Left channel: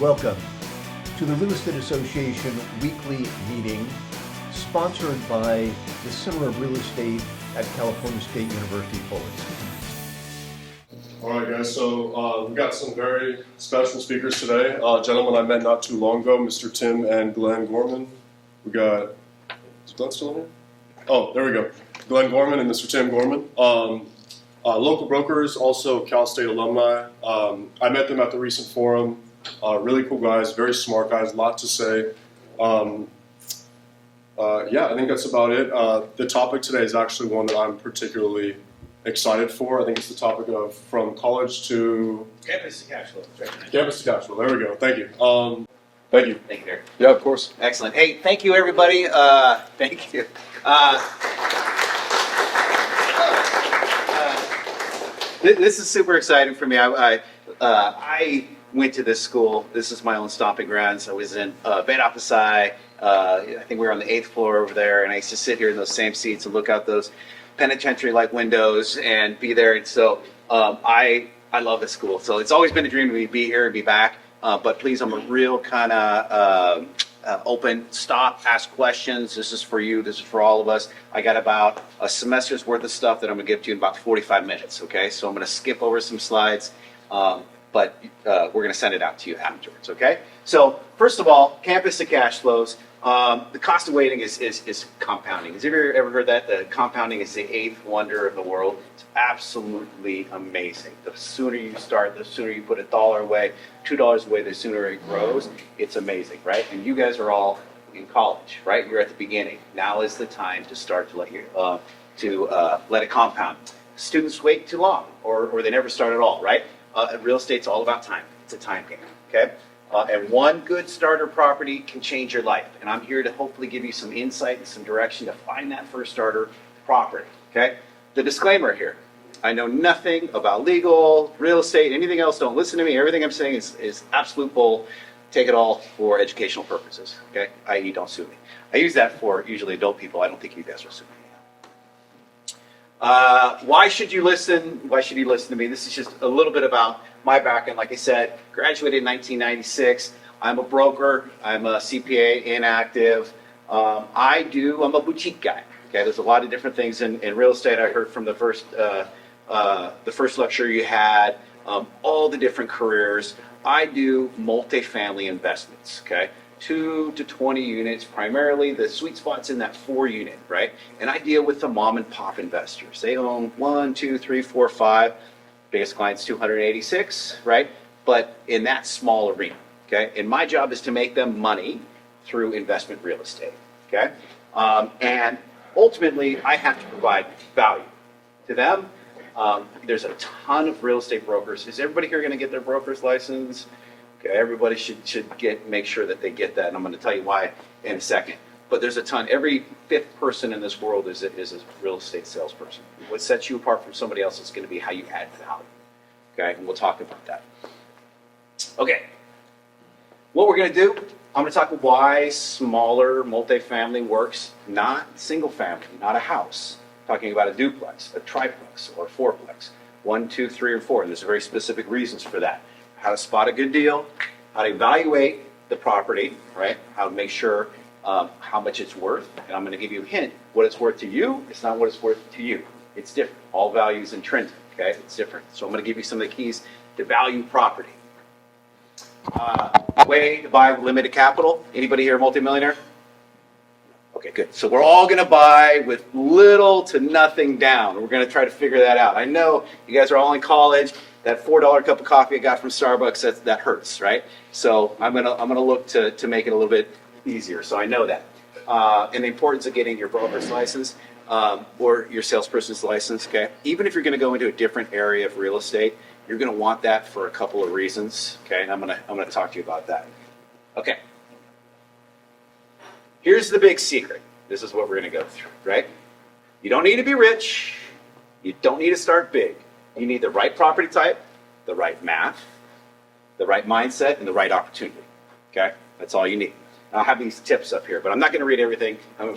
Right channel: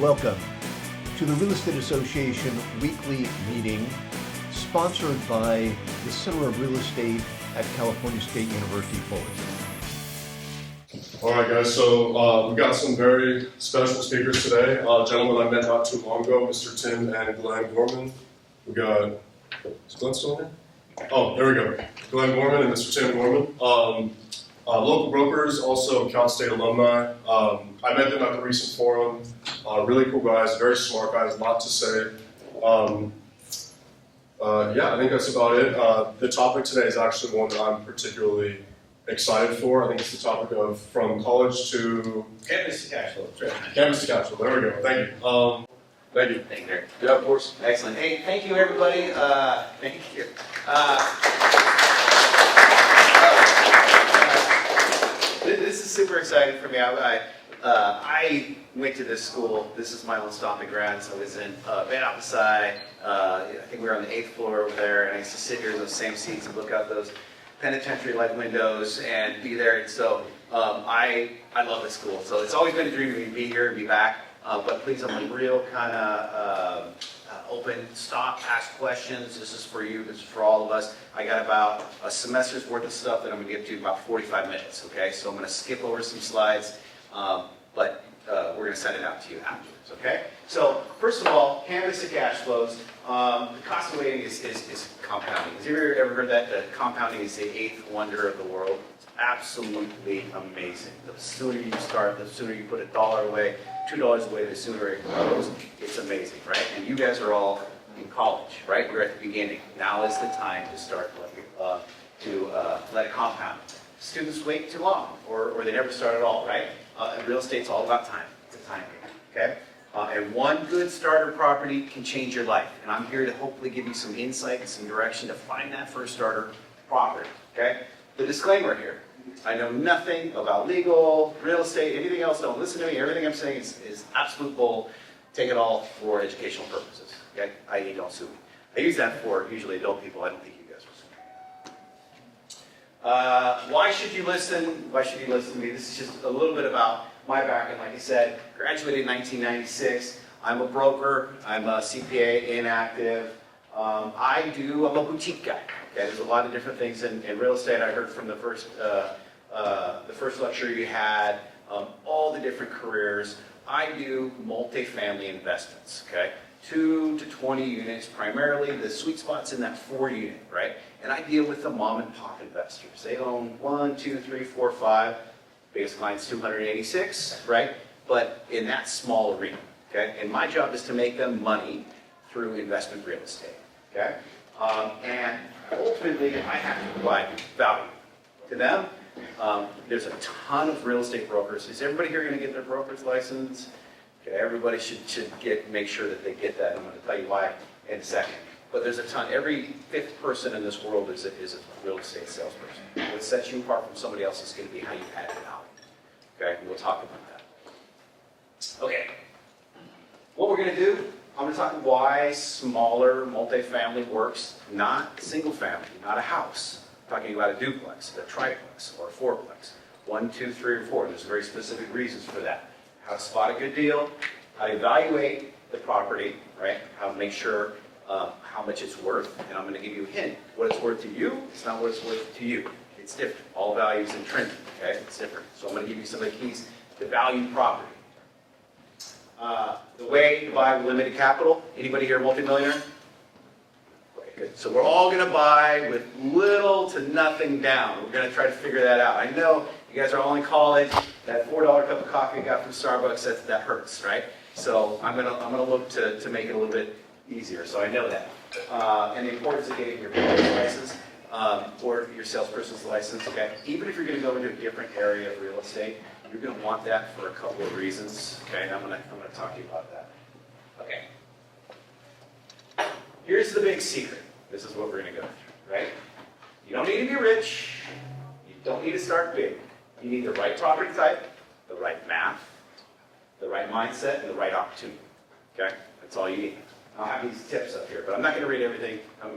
Welcome to the Real Estate Association weekly meeting sponsored by the Center of Real Estate at California State University, Fullerton. All right, guys, so we've got some very special speakers today. Gentlemen I met not too long ago, Mr. Tim and Glenn Gorman. We got, is Glenn still here? Oh, there we go. Glenn Gorman and Mr. Tim Gorman. Local brokers, also Cal State alumni. I met them at the recent forum. Really cool guys, very smart guys, a lot to say. Yeah, I think that's about it. The topic today is actually one that I'm particularly excited for. I think it's the topic of from college to Campus to Cashflow. Right. Campus to Cashflow. There we go. Thank you. Thank you. Thank you, Derek. Yeah, of course. Excellent. Hey, thank you, everybody. Thank you. This is super exciting for me. I went to this school. This is my own stomping grounds. I was in Bed Apasai. I think we were on the 8th floor over there, and I used to sit here in those same seats and look out those penitentiary-like windows and be there. And so I love this school. So it's always been a dream to be here and be back. But please, I'm a real kind of open, stop, ask questions. This is for you. This is for all of us. I got about a semester's worth of stuff that I'm going to give to you in about 45 minutes, okay? So I'm going to skip over some slides, but we're going to send it out to you afterwards, okay? So first of all, campus to cash flows. The cost of waiting is compounding. Has anybody ever heard that? The compounding is the 8th wonder of the world. It's absolutely amazing. The sooner you start, the sooner you put $1 away, $2 away, the sooner it grows. It's amazing, right? And you guys are all in college, right? You're at the beginning. Now is the time to start to let it compound. Students wait too long, or they never start at all, right? Real estate's all about time. It's a time game, okay? And one good starter property can change your life. And I'm here to hopefully give you some insight and some direction to find that first starter property, okay? The disclaimer here, I know nothing about legal, real estate, anything else. Don't listen to me. Everything I'm saying is absolute bull. Take it all for educational purposes, okay? i.e. don't sue me. I use that for usually adult people. I don't think you guys will sue me. Why should you listen? Why should you listen to me? This is just a little bit about my background. Like I said, graduated in 1996. I'm a broker. I'm a CPA, inactive. I'm a boutique guy. Okay, there's a lot of different things in real estate. I heard from the first lecture you had, all the different careers. I do multifamily investments, okay? 2 to 20 units, primarily. The sweet spot's in that 4 unit, right? And I deal with the mom and pop investors. They own 1, 2, 3, 4, 5. Biggest client's 286, right? But in that small arena, okay? And my job is to make them money through investment real estate, okay? And ultimately, I have to provide value to them. There's a ton of real estate brokers. Is everybody here going to get their broker's license? Okay, everybody should make sure that they get that, and I'm going to tell you why in a second. But there's a ton. Every 5th person in this world is a real estate salesperson. What sets you apart from somebody else is going to be how you add value. Okay, and we'll talk about that. Okay, what we're going to do, I'm going to talk about why smaller multifamily works, not single family, not a house. I'm talking about a duplex, a triplex, or a fourplex. 1, 2, 3, or 4. And there's very specific reasons for that. How to spot a good deal, how to evaluate the property, right? How to make sure how much it's worth. And I'm going to give you a hint. What it's worth to you, it's not what it's worth to you. It's different. All value is intrinsic, okay? It's different. So I'm going to give you some of the keys to value property. Way to buy limited capital. Anybody here a multimillionaire? Okay, good. So we're all going to buy with little to nothing down. We're going to try to figure that out. I know you guys are all in college. That $4 cup of coffee I got from Starbucks, that hurts, right? So I'm gonna look to make it a little bit easier. So I know that. And the importance of getting your broker's license or your salesperson's license. Okay. Even if you're going to go into a different area of real estate, you're going to want that for a couple of reasons. Okay, and I'm gonna talk to you about that. Okay. Here's the big secret. This is what we're going to go through, right? You don't need to be rich. You don't need to start big. You need the right property type, the right math, the right mindset, and the right opportunity, okay? That's all you need. I'll have these tips up here, but I'm not going to read everything. I'm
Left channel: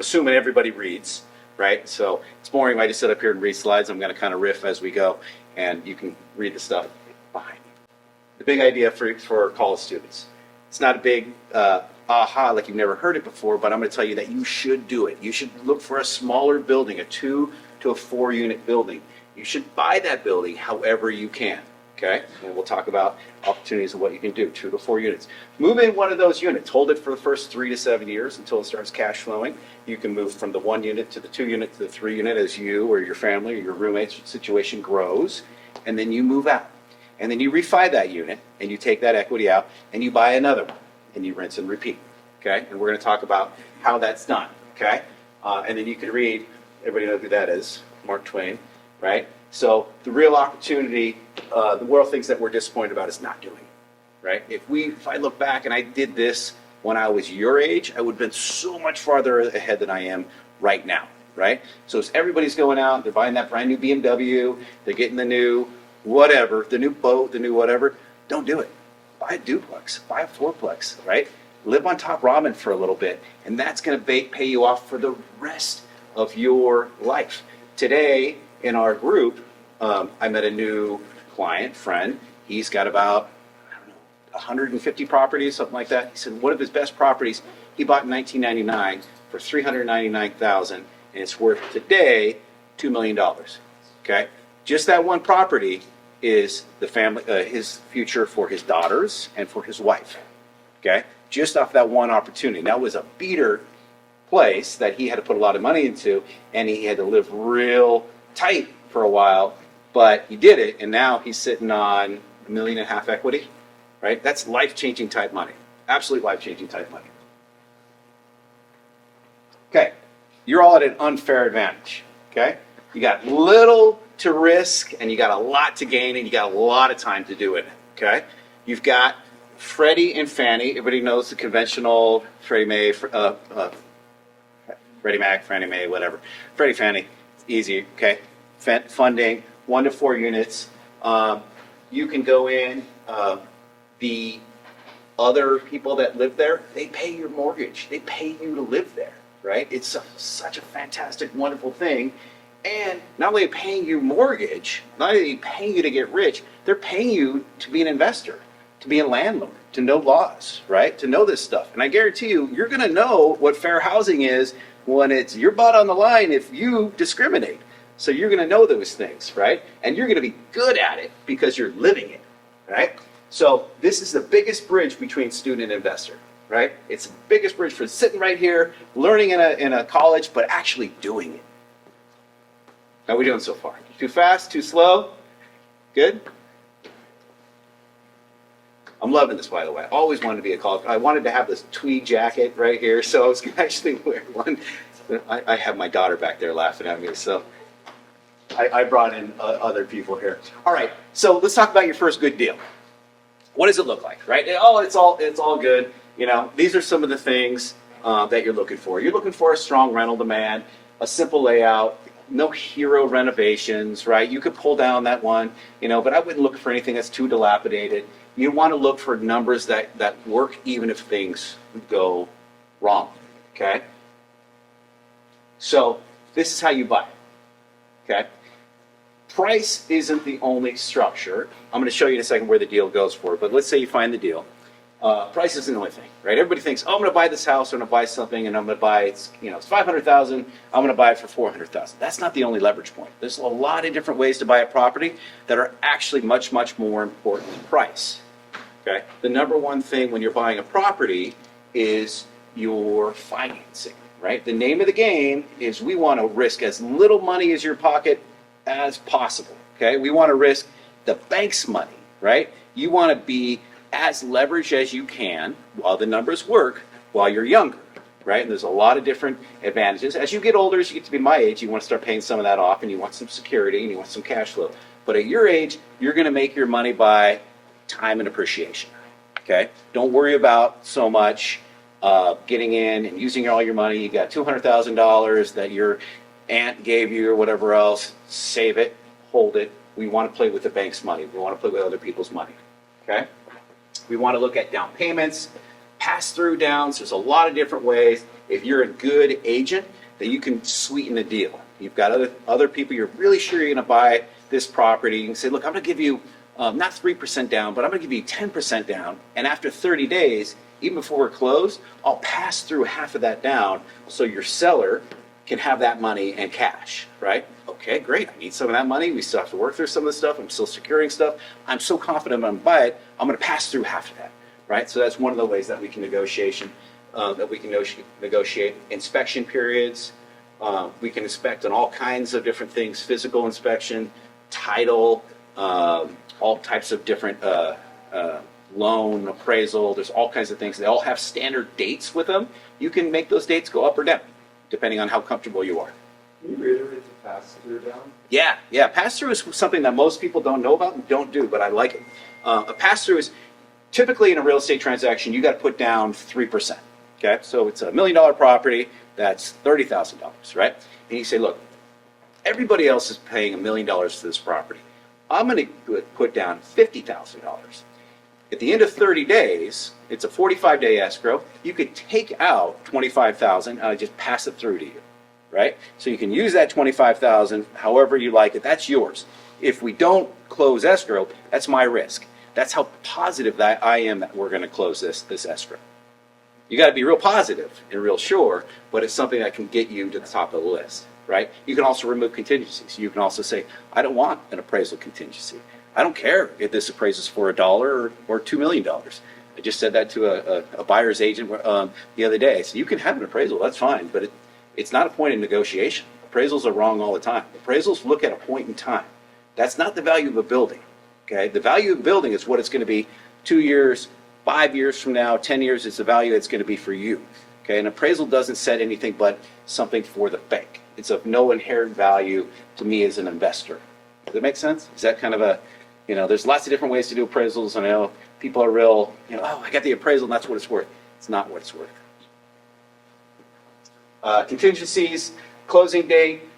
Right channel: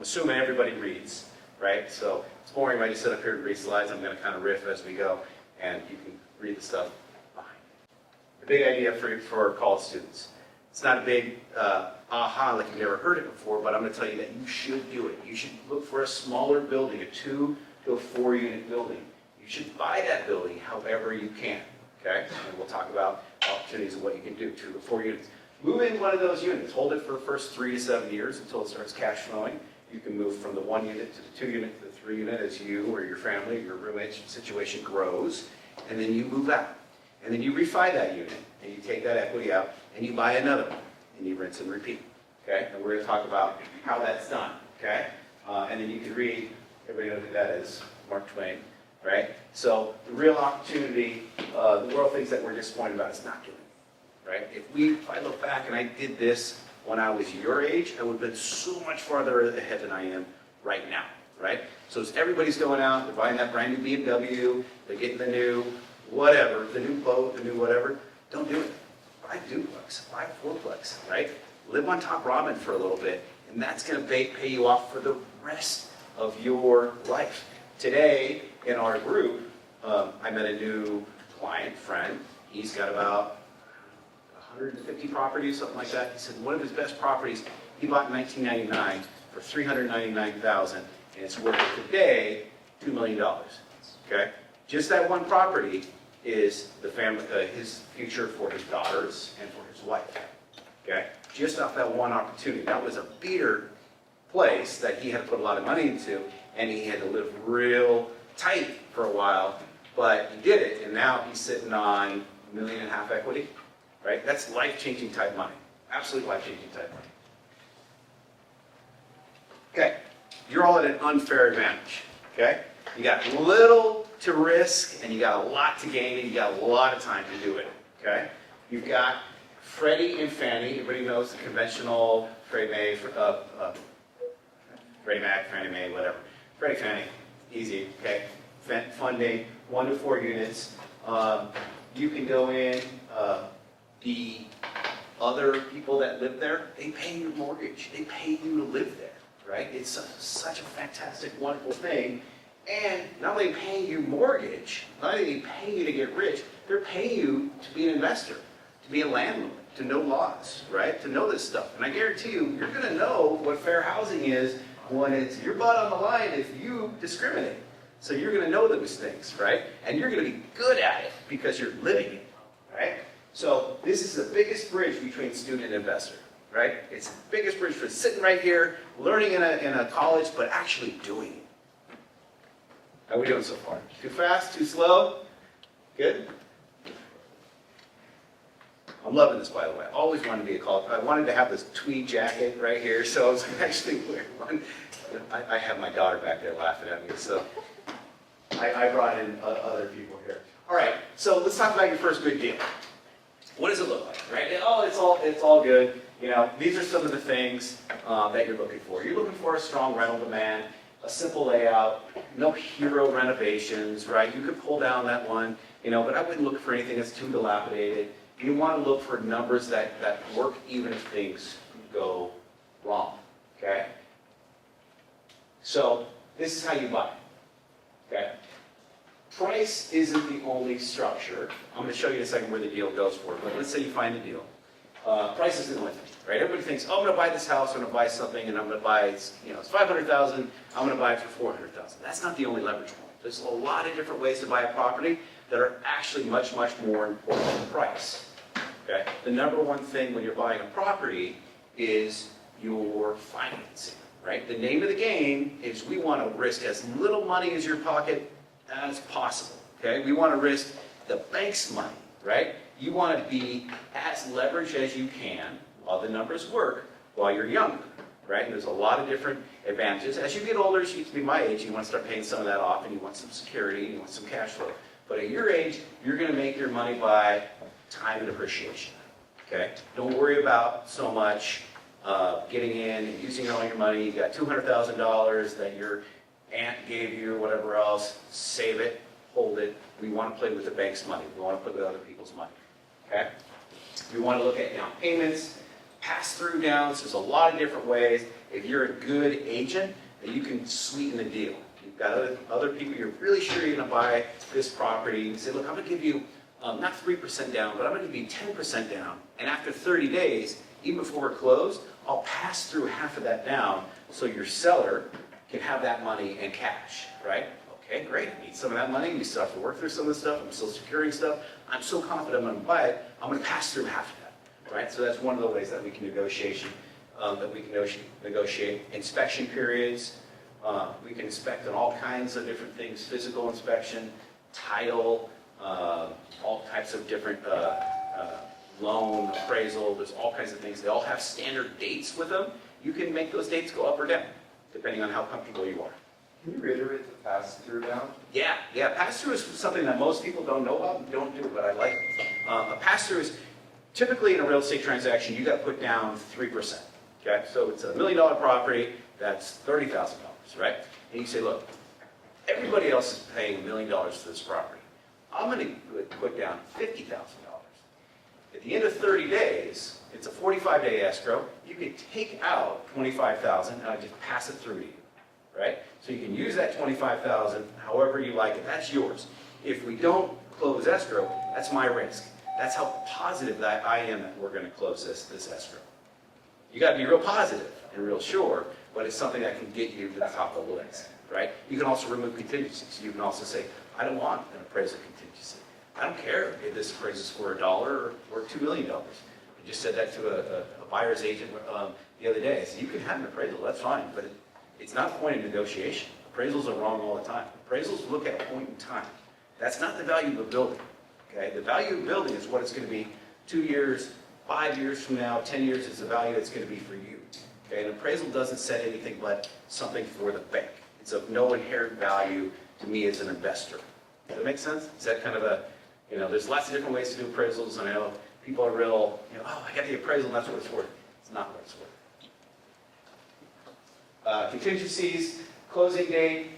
assuming everybody reads, right? So it's boring if I just sit up here and read slides. I'm going to kind of riff as we go, and you can read the stuff behind me. the big idea for college students. It's not a big aha, like you've never heard it before, but I'm going to tell you that you should do it. You should look for a smaller building, a 2 to a 4 unit building. You should buy that building however you can, okay? And we'll talk about opportunities of what you can do, 2 to 4 units. Move in one of those units. Hold it for the first 3 to 7 years until it starts cash flowing. You can move from the 1 unit to the 2 unit to the 3 unit as you or your family or your roommate's situation grows, and then you move out. And then you refi that unit, and you take that equity out, and you buy another one, and you rinse and repeat, okay? And we're going to talk about how that's done, okay? And then you can read, everybody know who that is, Mark Twain, right? So the real opportunity, the world thinks that we're disappointed about is not doing it, right? If I look back and I did this when I was your age, I would have been so much farther ahead than I am right now, right? So as everybody's going out, they're buying that brand new BMW, they're getting the new whatever, the new boat, the new whatever, don't do it. Buy a duplex, buy a fourplex, right? Live on top ramen for a little bit, and that's going to pay you off for the rest of your life. Today, in our group, I met a new client, friend. He's got about, 150 properties, something like that. He said one of his best properties he bought in 1999 for $399,000, and it's worth today $2 million, okay? Just that one property is the family, his future for his daughters and for his wife, okay? Just off that one opportunity. That was a beater place that he had to put a lot of money into, and he had to live real tight for a while, but he did it, and now he's sitting on $1.5 million equity, right? That's life-changing type money. Absolute life-changing type money. Okay, you're all at an unfair advantage, okay? You got little to risk, and you got a lot to gain, and you got a lot of time to do it, okay? You've got Freddie and Fannie. Everybody knows the conventional Freddie Mae, Freddie Mac, Fannie Mae, whatever. Freddie, Fannie, easy, okay? Funding, 1 to 4 units. You can go in, the other people that live there, they pay your mortgage. They pay you to live there, right? It's such a fantastic, wonderful thing. And not only paying you mortgage, not only paying you to get rich, they're paying you to be an investor, to be a landlord, to know laws, right? To know this stuff. And I guarantee you, you're going to know what fair housing is when it's your butt on the line if you discriminate. So you're going to know those things, right? And you're going to be good at it because you're living it, right? So this is the biggest bridge between student and investor, right? It's the biggest bridge for sitting right here, learning in a college, but actually doing it. How are we doing so far? Too fast? Too slow? Good? I'm loving this, by the way. I always wanted to be a college. I wanted to have this tweed jacket right here, so I was actually wearing one. I have my daughter back there laughing at me, so I brought in other people here. All right, so let's talk about your first good deal. What does it look like, right? Oh, it's all good. You know, these are some of the things that you're looking for. You're looking for a strong rental demand, a simple layout, no hero renovations, right? You could pull down that one, you know, but I wouldn't look for anything that's too dilapidated. You want to look for numbers that work even if things go wrong, okay? So this is how you buy, okay? Price isn't the only structure. I'm going to show you in a second where the deal goes for, but let's say you find the deal. Price isn't the only thing, right? Everybody thinks, oh, I'm going to buy this house, I'm going to buy something, and I'm going to buy it's $500,000. I'm going to buy it for $400,000. That's not the only leverage point. There's a lot of different ways to buy a property that are actually much, much more important than price. Okay? The number one thing when you're buying a property is your financing, right? The name of the game is we want to risk as little money as your pocket as possible. Okay? We want to risk the bank's money, right? You want to be as leveraged as you can while the numbers work while you're younger, right? And there's a lot of different advantages. As you get older, as you get to be my age, you want to start paying some of that off and you want some security and you want some cash flow. But at your age, you're going to make your money by time and appreciation, okay? Don't worry about so much getting in and using all your money. You got $200,000 that your aunt gave you or whatever else. Save it, hold it. We want to play with the bank's money. We want to play with other people's money, okay? We want to look at down payments, pass-through downs. There's a lot of different ways. If you're a good agent, that you can sweeten the deal. You've got other people, you're really sure you're going to buy this property. You can say, look, I'm going to give you not 3% down, but I'm gonna give you 10% down, and after 30 days, even before we're closed, I'll pass through half of that down so your seller can have that money and cash, right? Okay, great, I need some of that money, we still have to work through some of the stuff, I'm still securing stuff, I'm so confident I'm gonna buy it, I'm gonna pass through half of that, right? So that's one of the ways that we can negotiate inspection periods. We can inspect on all kinds of different things, physical inspection, title, all types of different loan appraisal. There's all kinds of things. They all have standard dates with them. You can make those dates go up or down, depending on how comfortable you are. Can you reiterate the pass-through down? Yeah. Pass-through is something that most people don't know about and don't do, but I like it. A pass-through is typically in a real estate transaction, you got to put down 3%. Okay, so it's $1 million property. That's $30,000, right? And you say, look, everybody else is paying $1 million for this property. I'm going to put down $50,000. At the end of 30 days, it's a 45-day escrow. You could take out $25,000 and I just pass it through to you, right? So you can use that $25,000 however you like it. That's yours. If we don't close escrow, that's my risk. That's how positive that I am that we're going to close this escrow. You got to be real positive and real sure, but it's something that can get you to the top of the list, right? You can also remove contingencies. You can also say, I don't want an appraisal contingency. I don't care if this appraises for $1 or $2 million. I just said that to a buyer's agent the other day. I said, you can have an appraisal, that's fine, but it's not a point in negotiation. Appraisals are wrong all the time. Appraisals look at a point in time. That's not the value of a building, okay? The value of a building is what it's going to be 2 years, 5 years from now, 10 years is the value it's going to be for you. Okay, an appraisal doesn't set anything but something for the bank. It's of no inherent value to me as an investor. Does that make sense? Is that kind of a, there's lots of different ways to do appraisals, and I know people are real, oh, I got the appraisal and that's what it's worth. It's not what it's worth. Contingencies, closing date.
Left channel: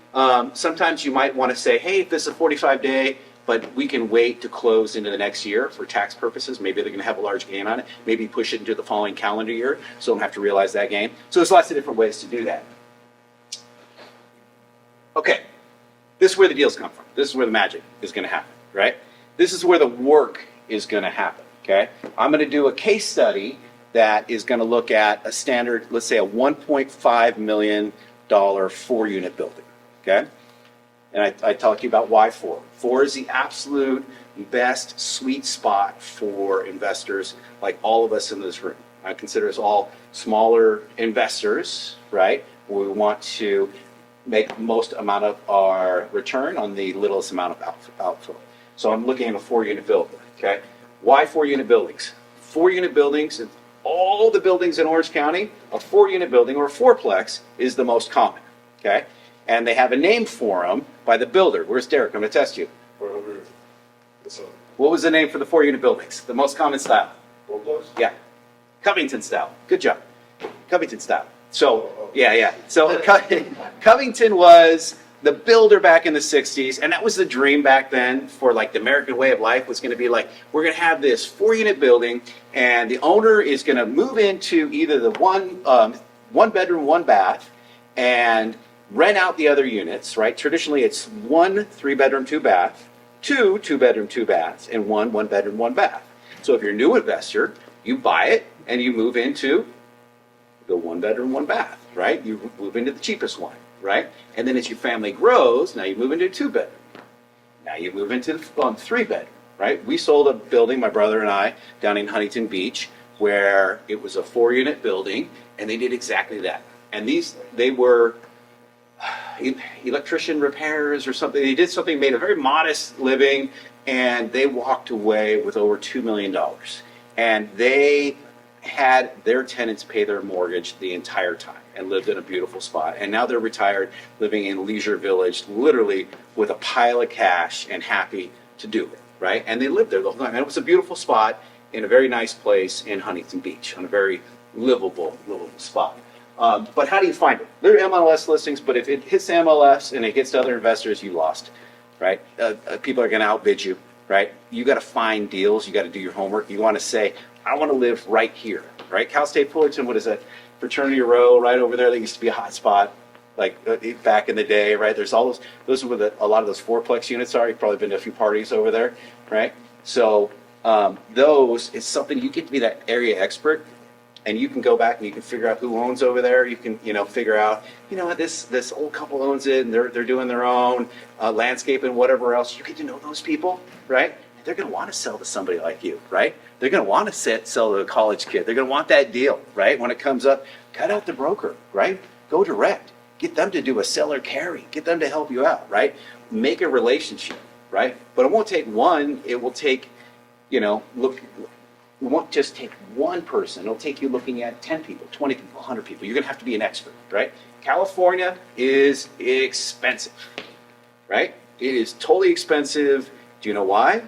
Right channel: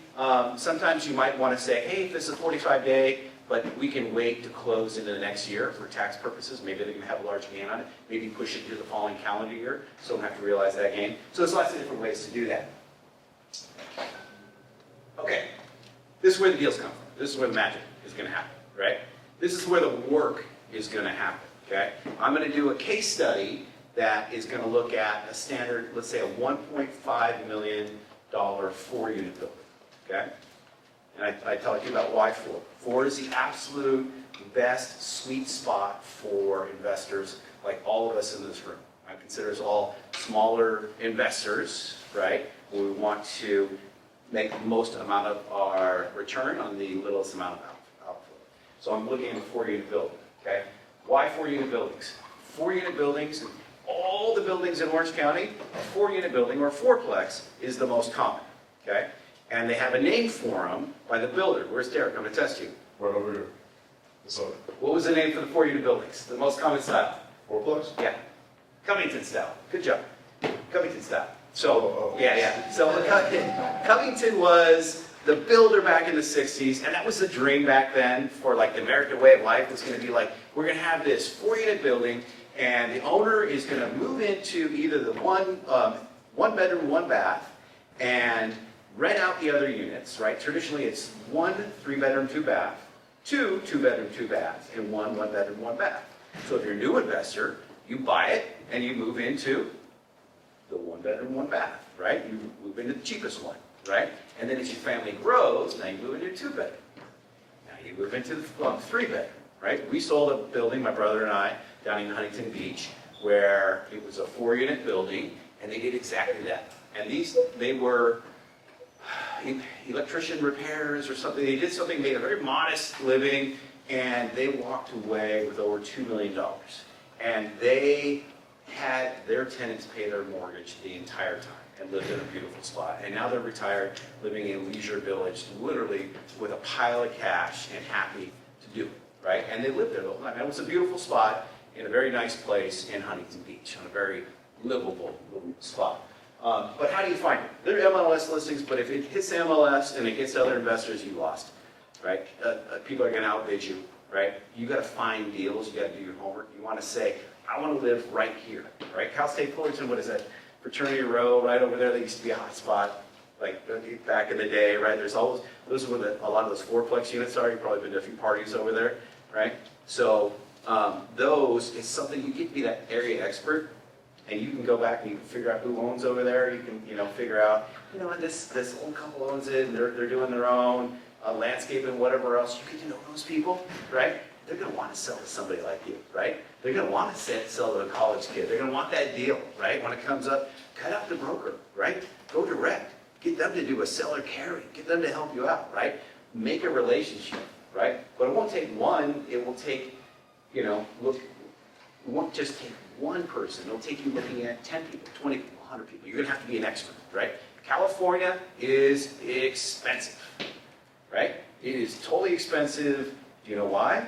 Sometimes you might want to say, hey, this is a 45-day, but we can wait to close into the next year for tax purposes. Maybe they're going to have a large gain on it. Maybe push it into the following calendar year, so don't have to realize that gain. So there's lots of different ways to do that. Okay, this is where the deals come from. This is where the magic is going to happen, right? This is where the work is going to happen, okay? I'm going to do a case study that is going to look at a standard, let's say a $1.5 million 4-unit building, okay? And I talked to you about why 4. 4 is the absolute best sweet spot for investors like all of us in this room. I consider us all smaller investors, right? We want to make the most amount of our return on the littlest amount of outflow. So I'm looking at a 4-unit building, okay? Why 4-unit buildings? 4-unit buildings, and all the buildings in Orange County, a 4-unit building or a fourplex is the most common, okay? And they have a name for them by the builder. Where's Derek? I'm going to test you. Right over here. What was the name for the 4-unit buildings? The most common style? Fourplex? Yeah. Covington style. Good job. Covington style. So, yeah. So Covington was the builder back in the 60s, and that was the dream back then for like the American way of life was going to be like, we're going to have this 4-unit building, and the owner is going to move into either the one bedroom, 1 bath, and rent out the other units, right? Traditionally, it's 1 3-bedroom, 2 bath, 2 2-bedroom, 2 baths, and 1 1-bedroom, 1 bath. So if you're a new investor, you buy it and you move into the 1-bedroom, 1 bath, right? You move into the cheapest one, right? And then as your family grows, now you move into a 2-bedroom. Now you move into the 3-bedroom, right? We sold a building, my brother and I, down in Huntington Beach, where it was a 4-unit building, and they did exactly that. And they were electrician repairs or something. They did something, made a very modest living, and they walked away with over $2 million. And they had their tenants pay their mortgage the entire time and lived in a beautiful spot. And now they're retired, living in Leisure Village, literally with a pile of cash and happy to do it, right? And they lived there the whole time. And it was a beautiful spot in a very nice place in Huntington Beach, on a very livable little spot. But how do you find it? There are MLS listings, but if it hits MLS and it gets to other investors, you lost, right? People are going to outbid you, right? You got to find deals. You got to do your homework. You want to say, I want to live right here, right? Cal State Fullerton, what is that? Fraternity Row, right over there. That used to be a hot spot, like back in the day, right? There's all those are where a lot of those fourplex units are. You've probably been to a few parties over there, right? So those is something you get to be that area expert, and you can go back and you can figure out who owns over there. You can, figure out, what this old couple owns it, and they're doing their own landscape and whatever else. You get to know those people, right? They're going to want to sell to somebody like you, right? They're going to want to sell to a college kid. They're going to want that deal, right? When it comes up, cut out the broker, right? Go direct. Get them to do a seller carry. Get them to help you out, right? Make a relationship, right? But it won't take one. It will take, it won't just take one person. It'll take you looking at 10 people, 20 people, 100 people. You're going to have to be an expert, right? California is expensive, right? It is totally expensive. Do you know why?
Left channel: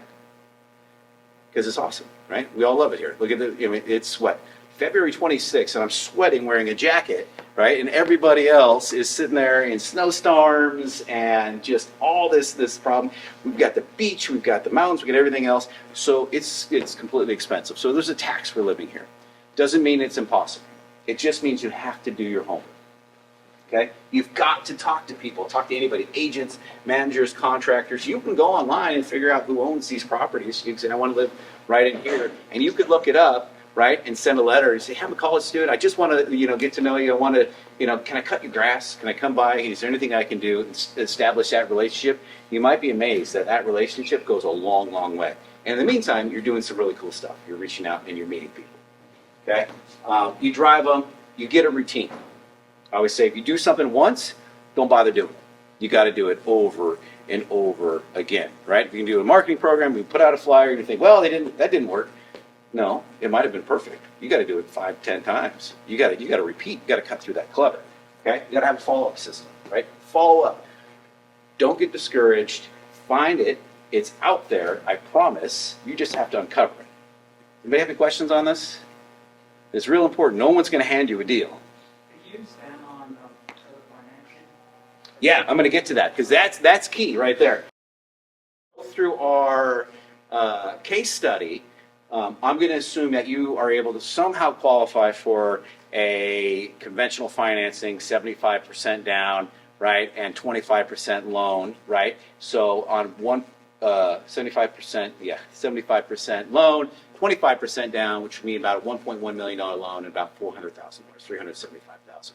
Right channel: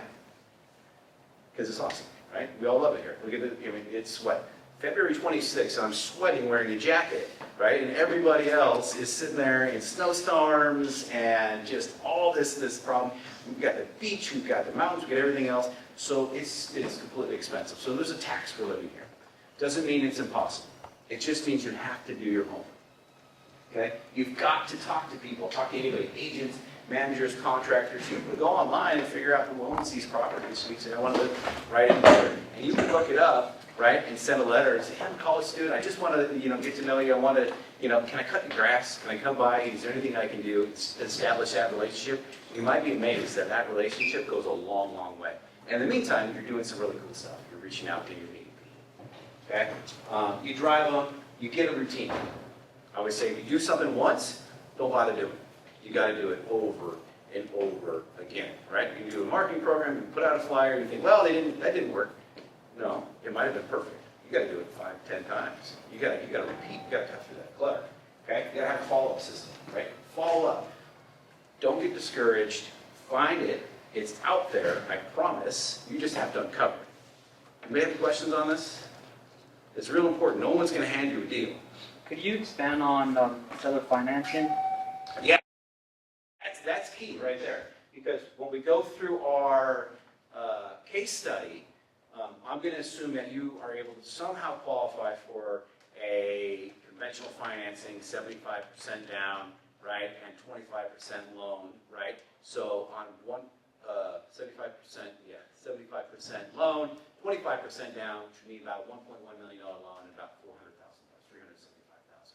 Because it's awesome, right? We all love it here. Look at it's what? February 26th, and I'm sweating wearing a jacket, right? And everybody else is sitting there in snowstorms and just all this problem. We've got the beach, we've got the mountains, we've got everything else. So it's completely expensive. So there's a tax for living here. Doesn't mean it's impossible. It just means you have to do your homework. Okay? You've got to talk to people, talk to anybody, agents, managers, contractors. You can go online and figure out who owns these properties. You can say, I want to live right in here. And you can look it up, right, and send a letter and say, hey, I'm a college student. I just want to, get to know you. I want to, can I cut your grass? Can I come by? Is there anything I can do to establish that relationship? You might be amazed that relationship goes a long, long way. And in the meantime, you're doing some really cool stuff. You're reaching out and you're meeting people. Okay? You drive them. You get a routine. I always say, if you do something once, don't bother doing it. You got to do it over and over again, right? You can do a marketing program, you put out a flyer, you think, well, that didn't work. No, it might have been perfect. You got to do it 5, 10 times. You got to repeat. You got to cut through that clutter. Okay? You got to have a follow-up system, right? Follow up. Don't get discouraged. Find it. It's out there. I promise. You just have to uncover it. Anybody have any questions on this? It's real important. No one's going to hand you a deal. Could you expand on seller financing? Yeah, I'm going to get to that because that's key right there. Because when we go through our case study, I'm going to assume that you are able to somehow qualify for a conventional financing, 75% down, right, and 25% loan, right? So on 75%, 75% loan, 25% down, which would mean about a $1.1 million loan and about $400,000, $375,000.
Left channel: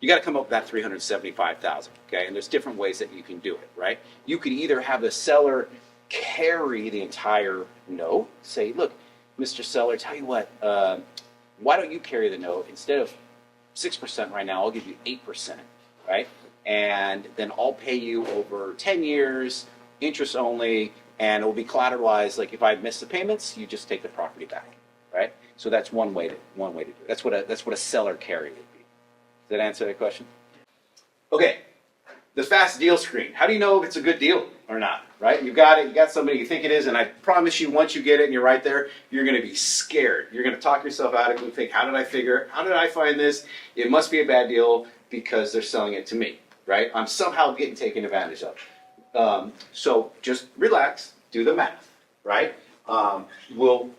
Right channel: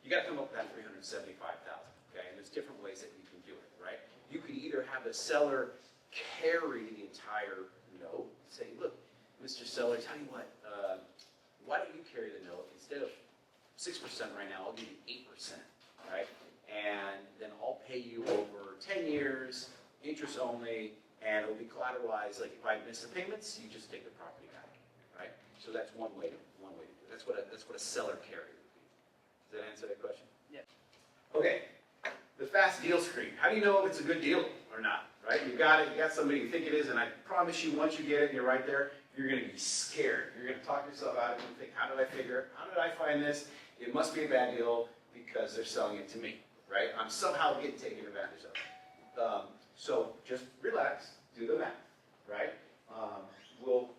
You got to come up with that $375,000, okay? And there's different ways that you can do it, right? You could either have the seller carry the entire note, say, look, Mr. Seller, tell you what, why don't you carry the note? Instead of 6% right now, I'll give you 8%, right? And then I'll pay you over 10 years, interest only, and it will be collateralized. Like if I miss the payments, you just take the property back, right? So that's one way to do it. That's what a seller carry would be. Does that answer that question? Yeah. Okay, the fast deal screen. How do you know if it's a good deal or not, right? You got it, you got somebody you think it is, and I promise you once you get it and you're right there, you're gonna be scared. You're gonna talk yourself out of it and think, how did I find this? It must be a bad deal because they're selling it to me, right? I'm somehow getting taken advantage of. So just relax, do the math, right? We'll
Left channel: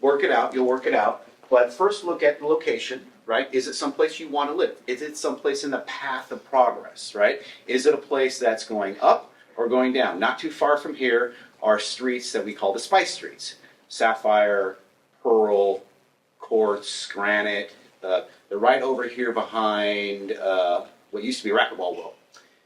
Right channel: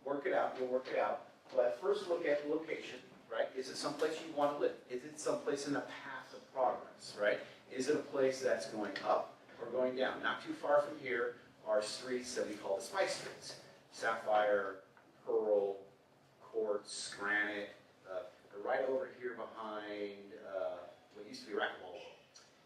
work it out, you'll work it out, but first look at the location, right? Is it someplace you want to live? Is it someplace in the path of progress, right? Is it a place that's going up or going down? Not too far from here are streets that we call the spice streets. Sapphire, pearl, quartz, granite. They're right over here behind what used to be Racquetball Road.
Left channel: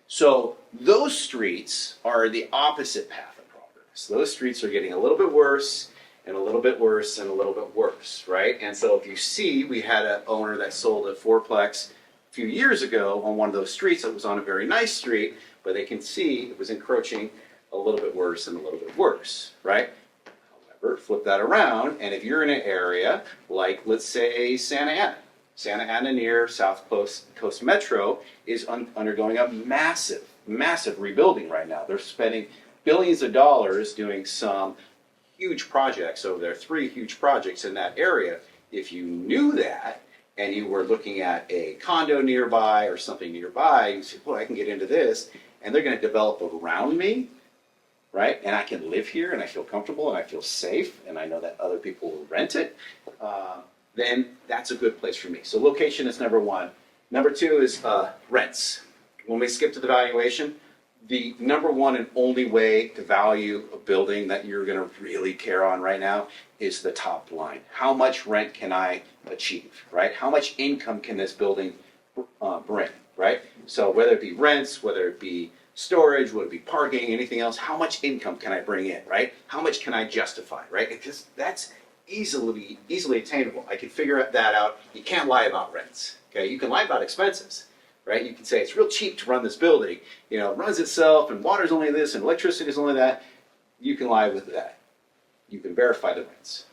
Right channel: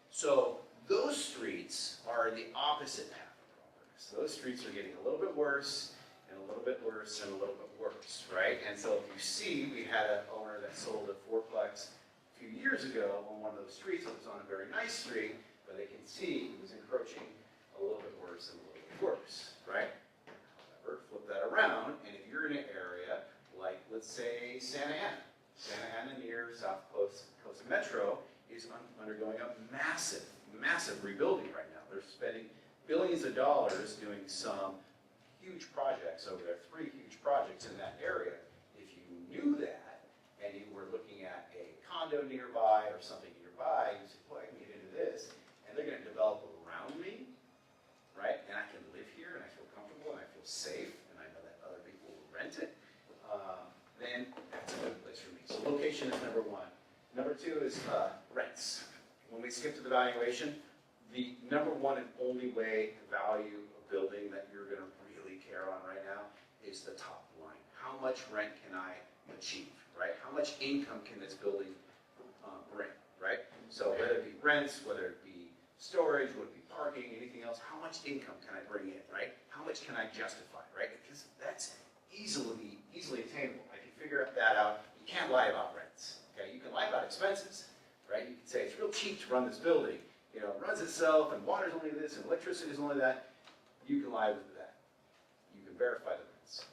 So those streets are the opposite path of progress. Those streets are getting a little bit worse and a little bit worse and a little bit worse, right? And so if you see, we had an owner that sold a fourplex a few years ago on one of those streets that was on a very nice street, but they can see it was encroaching a little bit worse and a little bit worse, right? However, flip that around, and if you're in an area like, let's say, Santa Ana near South Coast Metro is undergoing a massive rebuilding right now. They're spending billions of dollars doing some huge projects over there, 3 huge projects in that area. If you knew that and you were looking at a condo nearby or something nearby, you say, boy, I can get into this, and they're going to develop around me, right? And I can live here and I feel comfortable and I feel safe and I know that other people will rent it, then that's a good place for me. So location is number 1. Number 2 is rents. When we skip to the valuation, the number one and only way to value a building that you're going to really care on right now is the top line. How much rent can I achieve, right? How much income can this building bring, right? So whether it be rents, whether it be storage, whether it be parking, anything else, how much income can I bring in, right? How much can I justify, right? Because that's easily attainable. I can figure that out. You can't lie about rents, okay? You can lie about expenses, right? You can say it's real cheap to run this building. You know, it runs itself, and water's only this, and electricity is only that. You can lie with that. You can verify the rents.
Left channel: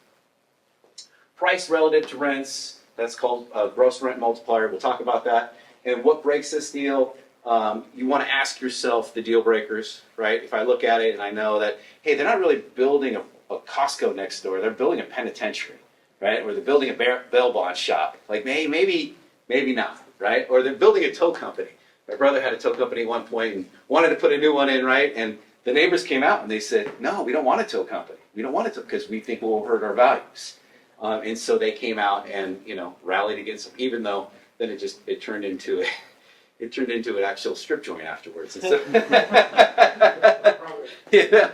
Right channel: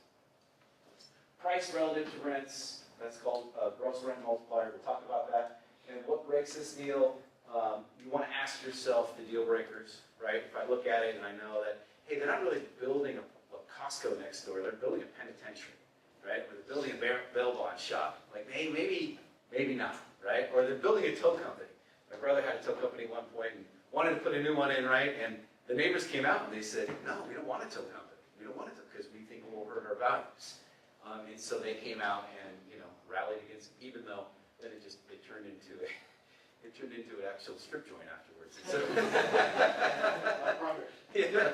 Price relative to rents, that's called a gross rent multiplier. We'll talk about that. And what breaks this deal? You want to ask yourself the deal breakers, right? If I look at it and I know that, hey, they're not really building a Costco next door. They're building a penitentiary, right? Or they're building a bail bond shop. Like maybe not, right? Or they're building a tow company. My brother had a tow company at one point and wanted to put a new one in, right? And the neighbors came out and they said, no, we don't want a tow company. We don't want it to because we think we'll hurt our values. And so they came out and, you know, rallied against them, even though then it turned into an actual strip joint afterwards. And so, yeah, that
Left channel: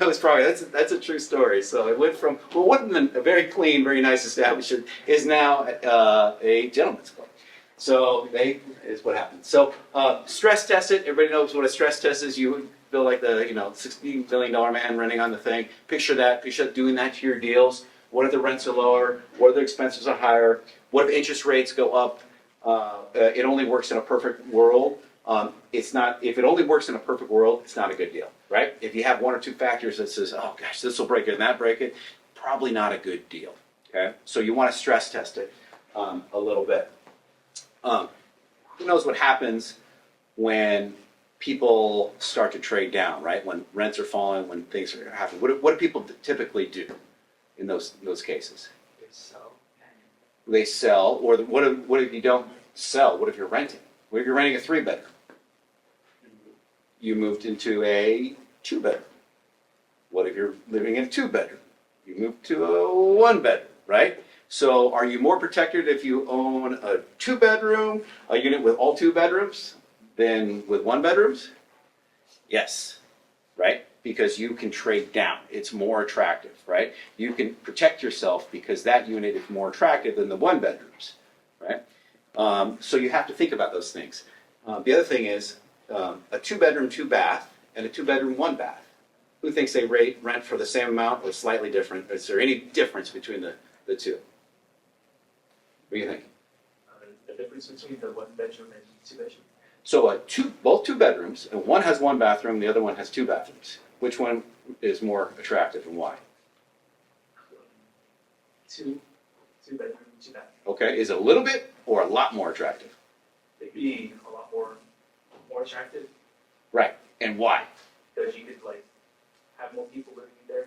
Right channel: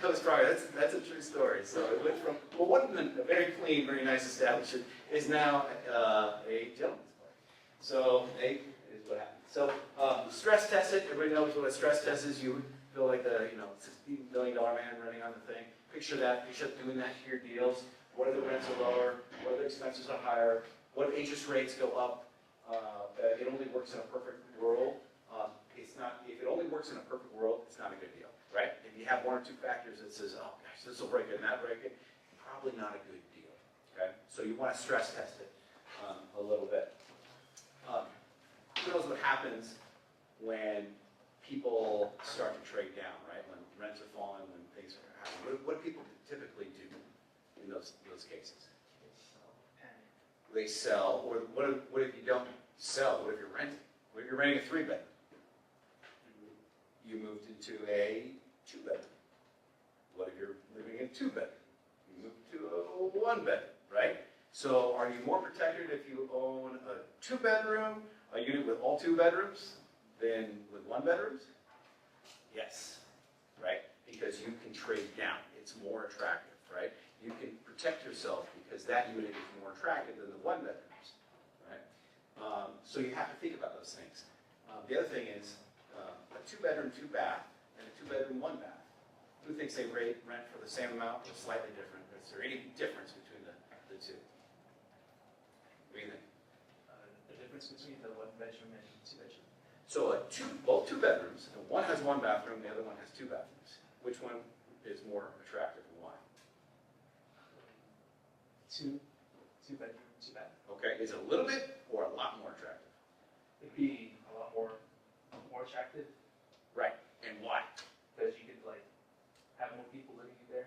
was probably that's a true story. So it went from what a very clean, very nice establishment is now a gentleman's club. So is what happened. So stress test it. Everybody knows what a stress test is. You feel like the $16 billion man running on the thing. Picture that. Picture doing that to your deals. What if the rents are lower? What if the expenses are higher? What if interest rates go up? It only works in a perfect world. It's not. If it only works in a perfect world, it's not a good deal, right? If you have one or two factors that says, "Oh gosh, this will break it and that break it," probably not a good deal. Okay, so you want to stress test it a little bit. Who knows what happens when people start to trade down, right? When rents are falling, when things are happening. What do people typically do in those cases? They sell, or what if you don't sell? What if you're renting? What if you're renting a 3-bedroom? You moved into a 2-bedroom. What if you're living in a 2-bedroom? You moved to a 1-bedroom, right? So are you more protected if you own a 2-bedroom, a unit with all 2 bedrooms, than with 1 bedrooms? Yes, right? Because you can trade down. It's more attractive, right? You can protect yourself because that unit is more attractive than the 1 bedrooms, right? So you have to think about those things. The other thing is a 2-bedroom, 2-bath, and a 2-bedroom, 1-bath. Who thinks they rent for the same amount or slightly different? Is there any difference between the two? What do you think? The difference between the 1-bedroom and 2-bedroom. So both 2 bedrooms, and one has 1 bathroom, the other one has 2 bathrooms. Which one is more attractive and why? 2-bedroom, 2-bath. Okay, is it a little bit or a lot more attractive? It'd be a lot more attractive Right, and why? because you could have more people living in there.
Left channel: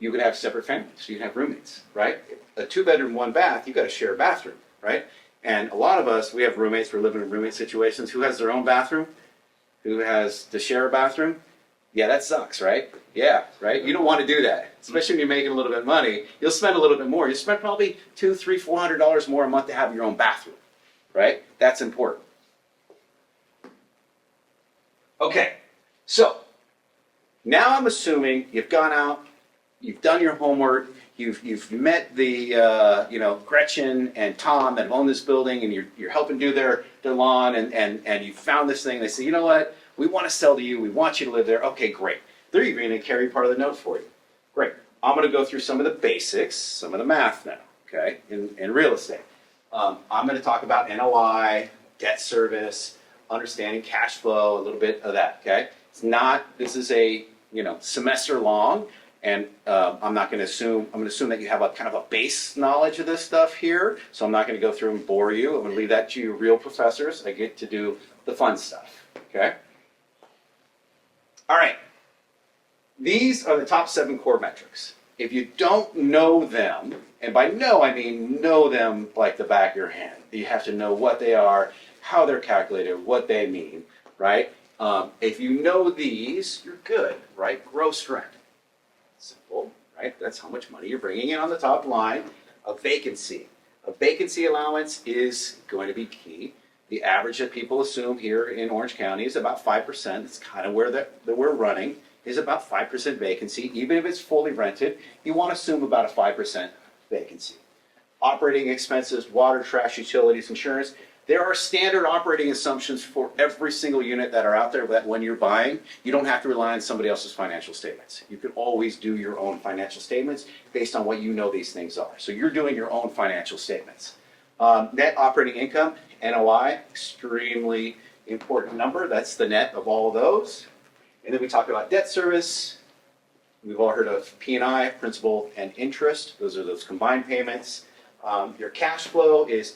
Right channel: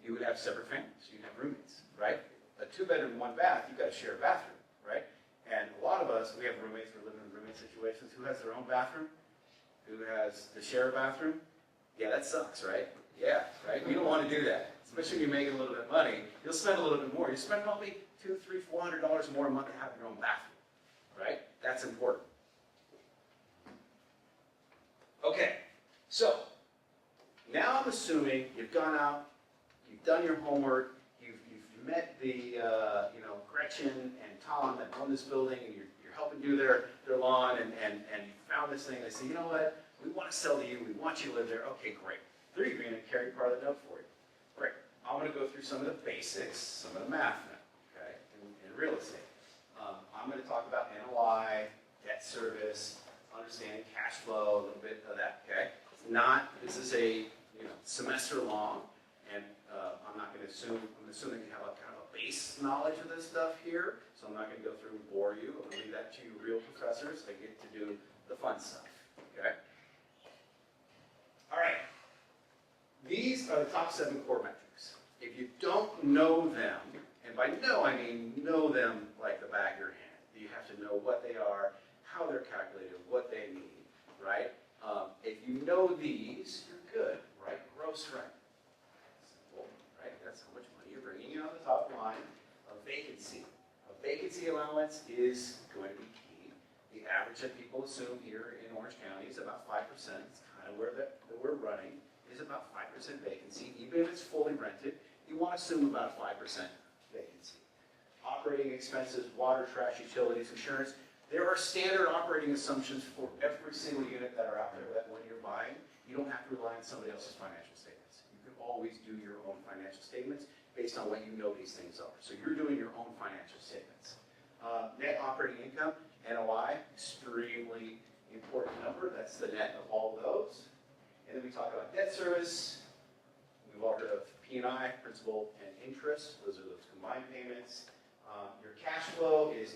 You could have separate families, you can have roommates, right? A 2-bedroom, 1-bath, you got to share a bathroom, right? And a lot of us, we have roommates, we're living in roommate situations. Who has their own bathroom? Who has to share a bathroom? Yeah, that sucks, right? Yeah, right? You don't want to do that, especially when you're making a little bit of money. You'll spend a little bit more. You spend probably $200, $300, $400 more a month to have your own bathroom, right? That's important. Okay, so now I'm assuming you've gone out, you've done your homework, you've met the Gretchen and Tom that own this building, and you're helping do their lawn, and you found this thing. They say, you know what? We want to sell to you. We want you to live there. Okay, great. They're even going to carry part of the note for you. Great. I'm going to go through some of the basics, some of the math now, okay, in real estate. I'm going to talk about NOI, debt service, understanding cash flow, a little bit of that, okay? This is a, semester long, and I'm going to assume that you have a kind of a base knowledge of this stuff here, so I'm not going to go through and bore you. I'm going to leave that to you real professors. I get to do the fun stuff, okay? All right. These are the top 7 core metrics. If you don't know them, and by know I mean know them like the back of your hand. You have to know what they are, how they're calculated, what they mean, right? If you know these, you're good, right? Gross rent. Simple, right? That's how much money you're bringing in on the top line. A vacancy. A vacancy allowance is going to be key The average that people assume here in Orange County is about 5%. It's kind of where that we're running, is about 5% vacancy. Even if it's fully rented, you want to assume about a 5% vacancy. Operating expenses, water, trash, utilities, insurance. There are standard operating assumptions for every single unit that are out there that when you're buying, you don't have to rely on somebody else's financial statements. You can always do your own financial statements based on what you know these things are. So you're doing your own financial statements. Net operating income, NOI, extremely important number. That's the net of all of those. And then we talk about debt service. We've all heard of P&I, principal and interest. Those are those combined payments. Your cash flow is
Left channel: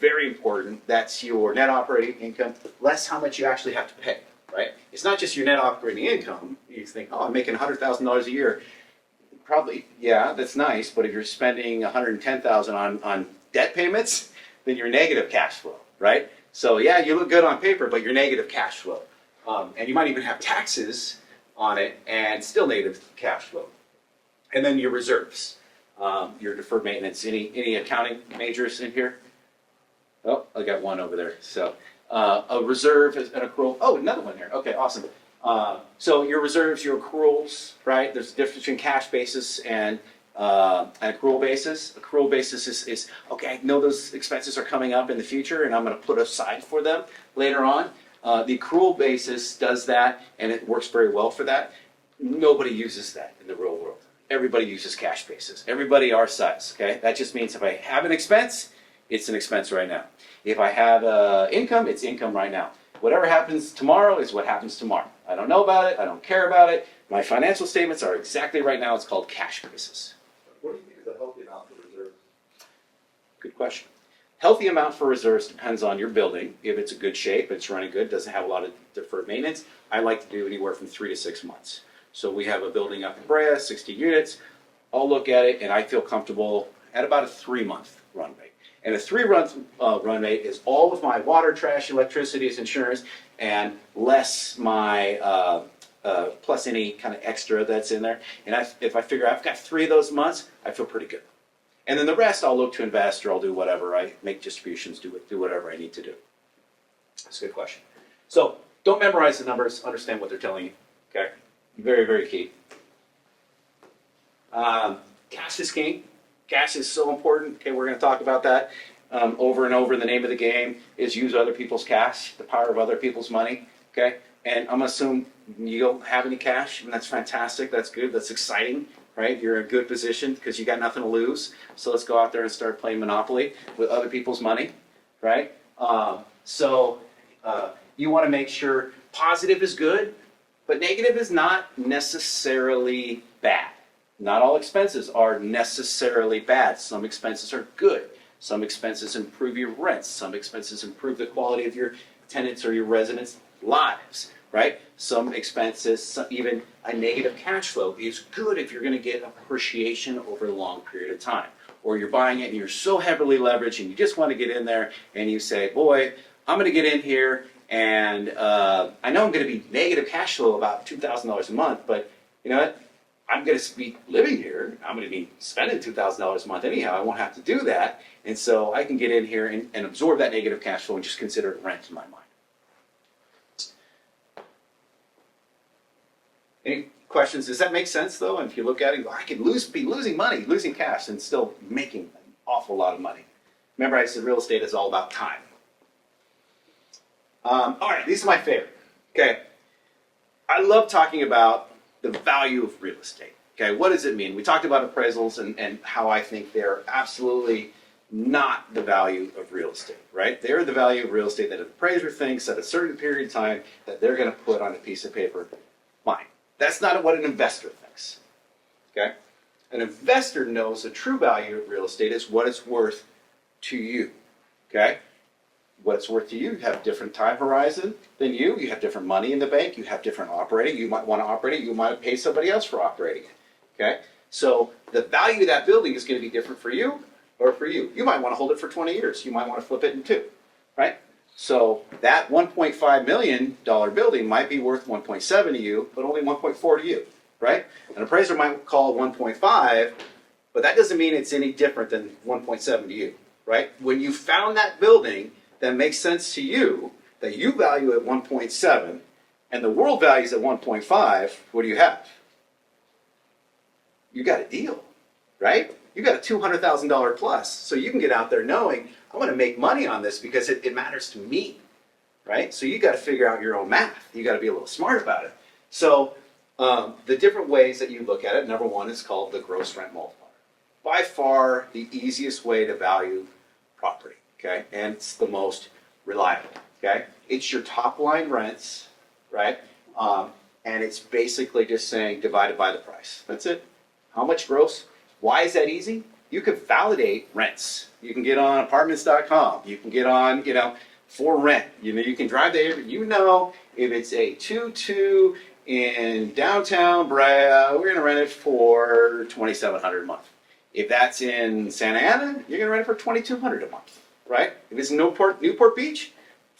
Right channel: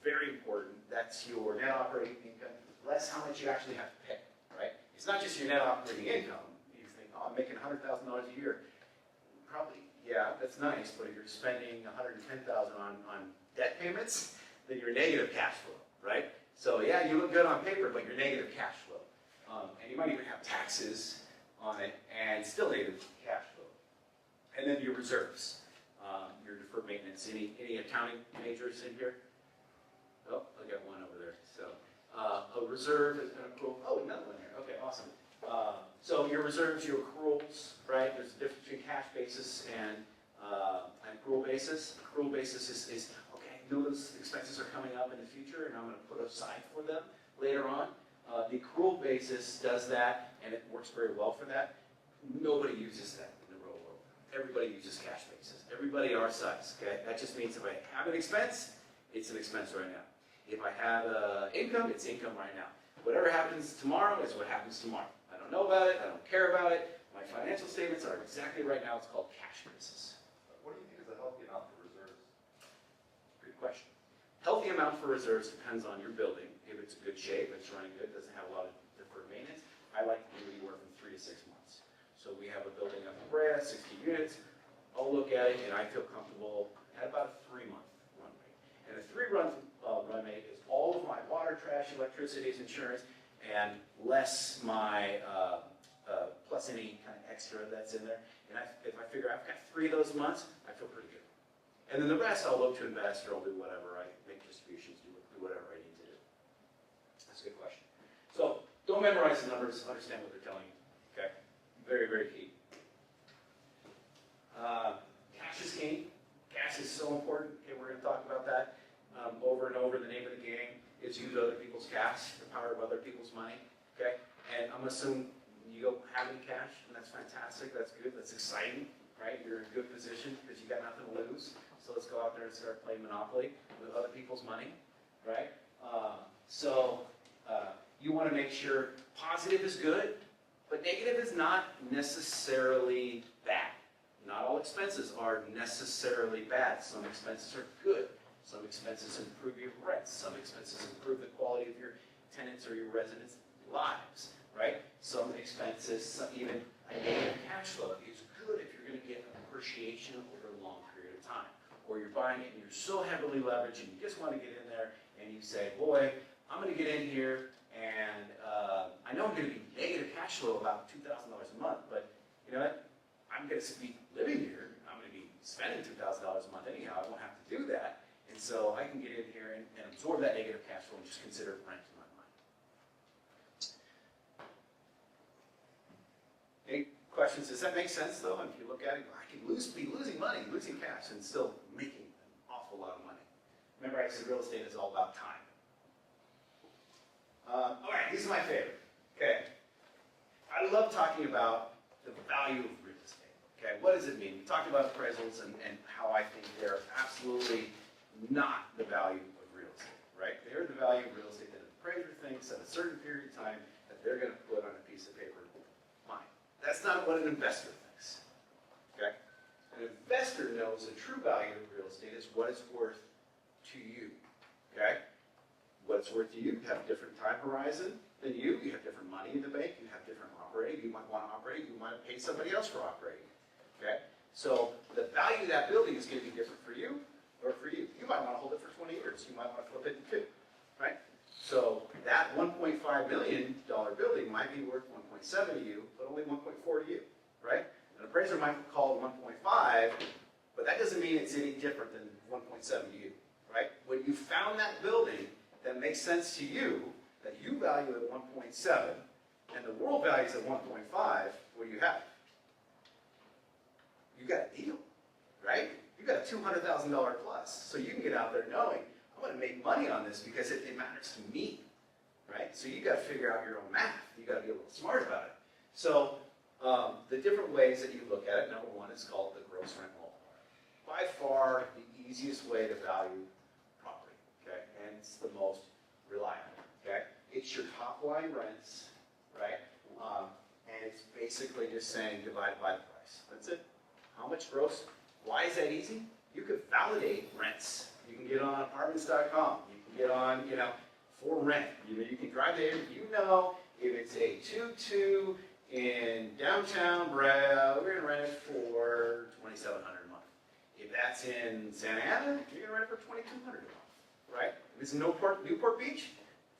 very important. That's your net operating income, less how much you actually have to pay, right? It's not just your net operating income. You think, oh, I'm making $100,000 a year. Probably, yeah, that's nice, but if you're spending $110,000 on debt payments, then you're negative cash flow, right? So yeah, you look good on paper, but you're negative cash flow. And you might even have taxes on it and still negative cash flow. And then your reserves. Your deferred maintenance. Any accounting majors in here? Oh, I got one over there. So a reserve is an accrual. Oh, another one here. Okay, awesome. So your reserves, your accruals, right? There's a difference between cash basis and an accrual basis. Accrual basis is okay, I know those expenses are coming up in the future and I'm going to put aside for them later on. The accrual basis does that and it works very well for that. Nobody uses that in the real world. Everybody uses cash basis. Everybody our size, okay? That just means if I have an expense, it's an expense right now. If I have income, it's income right now. Whatever happens tomorrow is what happens tomorrow. I don't know about it. I don't care about it. My financial statements are exactly right now. It's called cash basis. What do you think is a healthy amount for reserves? Good question. Healthy amount for reserves depends on your building. If it's a good shape, it's running good, doesn't have a lot of deferred maintenance, I like to do anywhere from 3 to 6 months. So we have a building up in Brea, 60 units. I'll look at it and I feel comfortable at about a 3-month run rate. And a 3-month run rate is all of my water, trash, electricity, insurance, and less my, plus any kind of extra that's in there. And if I figure I've got 3 of those months, I feel pretty good. And then the rest I'll look to invest or I'll do whatever, I make distributions, do whatever I need to do. That's a good question. So don't memorize the numbers, understand what they're telling you, okay? Very, very key. Cash is king. Cash is so important. Okay, we're going to talk about that over and over. The name of the game is use other people's cash, the power of other people's money. Okay, and I'm going to assume you don't have any cash, and that's fantastic. That's good. That's exciting, right? You're in a good position because you got nothing to lose. So let's go out there and start playing Monopoly with other people's money, right? You want to make sure positive is good. But negative is not necessarily bad. Not all expenses are necessarily bad. Some expenses are good. Some expenses improve your rents. Some expenses improve the quality of your tenants or your residents' lives, right? Some expenses, even a negative cash flow is good if you're going to get appreciation over a long period of time. Or you're buying it and you're so heavily leveraged and you just want to get in there and you say, boy, I'm going to get in here and I know I'm going to be negative cash flow about $2,000 a month, but you know what? I'm going to be living here. I'm going to be spending $2,000 a month anyhow. I won't have to do that. And so I can get in here and absorb that negative cash flow and just consider it rent in my mind. Any questions? Does that make sense though? And if you look at it, I could be losing money, losing cash, and still making an awful lot of money. Remember I said real estate is all about time. All right, these are my favorite. Okay, I love talking about the value of real estate. Okay, what does it mean? We talked about appraisals and how I think they're absolutely not the value of real estate, right? They're the value of real estate that an appraiser thinks at a certain period of time that they're going to put on a piece of paper. Fine. That's not what an investor thinks. Okay, an investor knows the true value of real estate is what it's worth to you. Okay. What it's worth to you. You have a different time horizon than you. You have different money in the bank. You have different operating. You might want to operate it. You might pay somebody else for operating it. Okay? So the value of that building is going to be different for you or for you. You might want to hold it for 20 years. You might want to flip it in 2. Right? So that $1.5 million building might be worth 1.7 to you, but only 1.4 to you. Right? An appraiser might call it 1.5, but that doesn't mean it's any different than 1.7 to you. Right? When you found that building, that makes sense to you, that you value at 1.7, and the world values at 1.5, what do you have? You got a deal, right? You got a $200,000 plus. So you can get out there knowing, I'm going to make money on this because it matters to me, right? So you got to figure out your own math. You got to be a little smart about it. So the different ways that you look at it, number one is called the gross rent multiplier. By far the easiest way to value property, okay? And it's the most reliable, okay? It's your top line rents, right? And it's basically just saying divided by the price. That's it. How much gross? Why is that easy? You can validate rents. You can get on apartments.com. You can get on, for rent. You can drive there. If it's a 2-2 in downtown Brea, we're going to rent it for $2,700 a month. If that's in Santa Ana, you're going to rent it for $2,200 a month, right? If it's Newport Beach,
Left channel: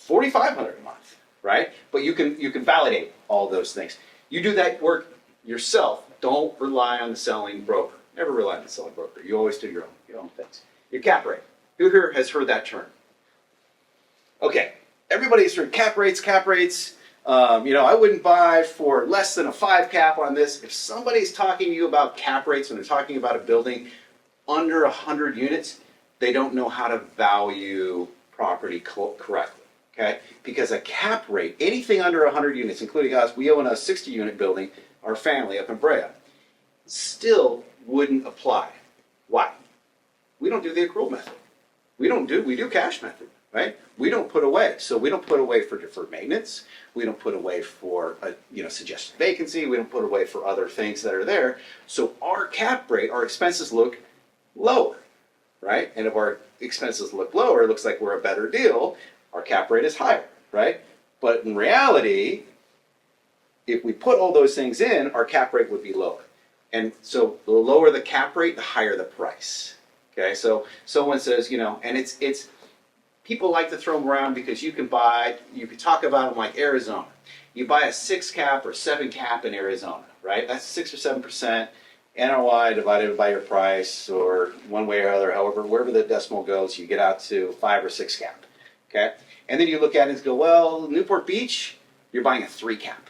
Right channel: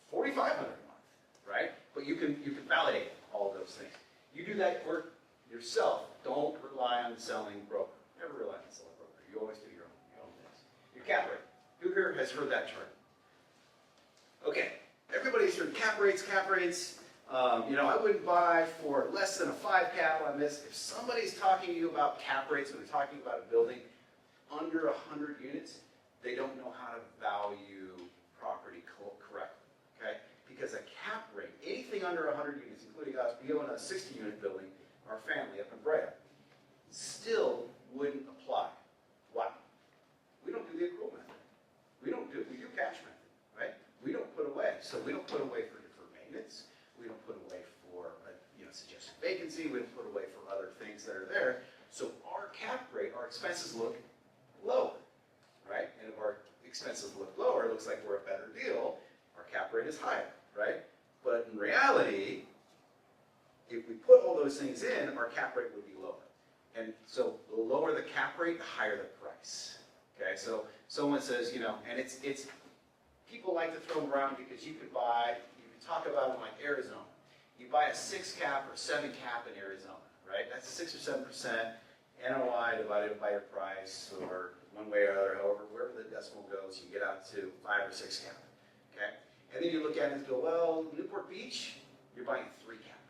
$4,500 a month, right? But you can validate all those things. You do that work yourself. Don't rely on the selling broker. Never rely on the selling broker. You always do your own things. Your cap rate. Who here has heard that term? Okay, everybody's heard cap rates. I wouldn't buy for less than a 5 cap on this. If somebody's talking to you about cap rates when they're talking about a building under 100 units, they don't know how to value property correctly, okay? Because a cap rate, anything under 100 units, including us, we own a 60-unit building, our family up in Brea, still wouldn't apply. Why? We don't do the accrual method. We do cash method, right? We don't put away. So we don't put away for deferred maintenance. We don't put away for suggested vacancy. We don't put away for other things that are there. So our cap rate, our expenses look lower, right? And if our expenses look lower, it looks like we're a better deal. Our cap rate is higher, right? But in reality, if we put all those things in, our cap rate would be lower. And so the lower the cap rate, the higher the price. Okay, so someone says, and it's people like to throw them around because you can talk about them like Arizona. You buy a 6 cap or 7 cap in Arizona, right? That's 6 or 7% NOI divided by your price, or one way or other, however, wherever the decimal goes, you get out to 5 or 6 cap. Okay, and then you look at it and go, well, Newport Beach, you're buying a 3 cap.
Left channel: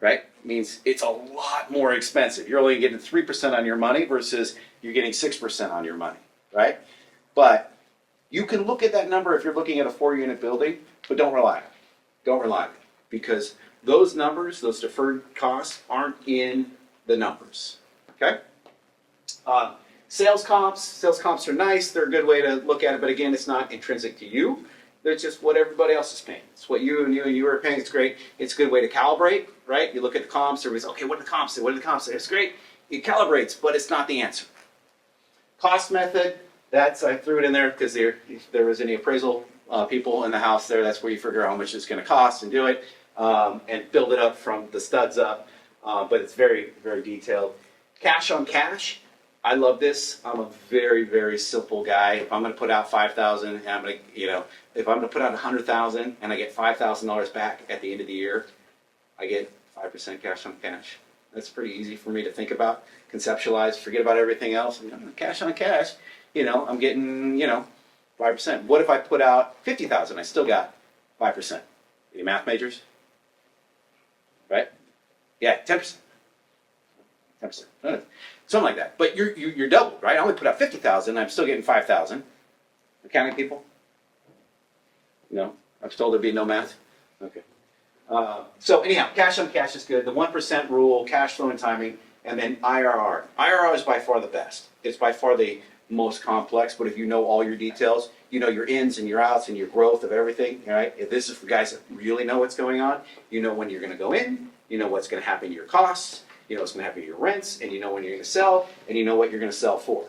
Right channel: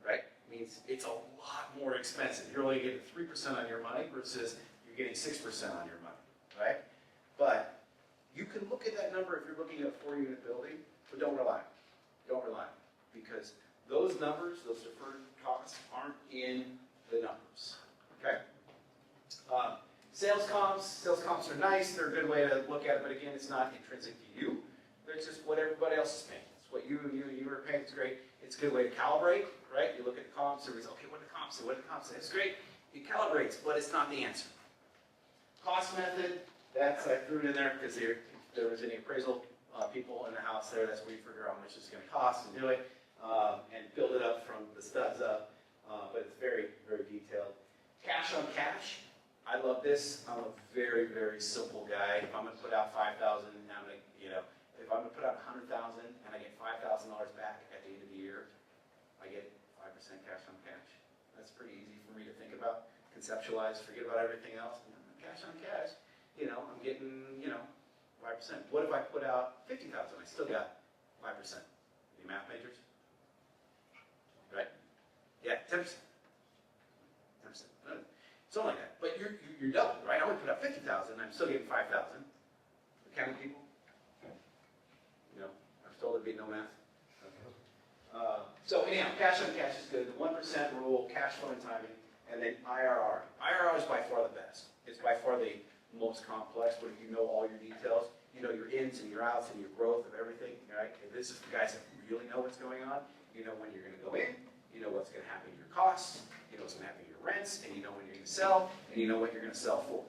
Right? Means it's a lot more expensive. You're only getting 3% on your money versus you're getting 6% on your money, right? But you can look at that number if you're looking at a 4-unit building, but don't rely on it. Don't rely on it, because those numbers, those deferred costs, aren't in the numbers, okay? Sales comps are nice. They're a good way to look at it, but again, it's not intrinsic to you. They're just what everybody else is paying. It's what you are paying. It's great. It's a good way to calibrate, right? You look at the comps. Everybody's, okay, what do the comps say? What do the comps say? It's great. It calibrates, but it's not the answer. Cost method, I threw it in there because if there was any appraisal people in the house there, that's where you figure out how much it's going to cost and do it, and build it up from the studs up. But it's very, very detailed. Cash on cash. I love this. I'm a very, very simple guy. If I'm going to put out $5,000, and I'm going to, if I'm going to put out $100,000 and I get $5,000 back at the end of the year, I get 5% cash on cash. That's pretty easy for me to think about, conceptualize, forget about everything else. Cash on cash, I'm getting, 5%. What if I put out $50,000? I still got 5%. Any math majors? Right? Yeah, 10%. 10%. Something like that. But you're doubled, right? I only put out $50,000. I'm still getting $5,000. Accounting people? No? I'm told there'd be no math? Okay. So anyhow, cash on cash is good. The 1% rule, cash flow and timing, and then IRR. IRR is by far the best. It's by far the most complex, but if you know all your details, you know your ins and your outs and your growth of everything, right? If this is for guys that really know what's going on, you know when you're going to go in, you know what's going to happen to your costs, you know what's going to happen to your rents, and you know when you're going to sell, and you know what you're going to sell for.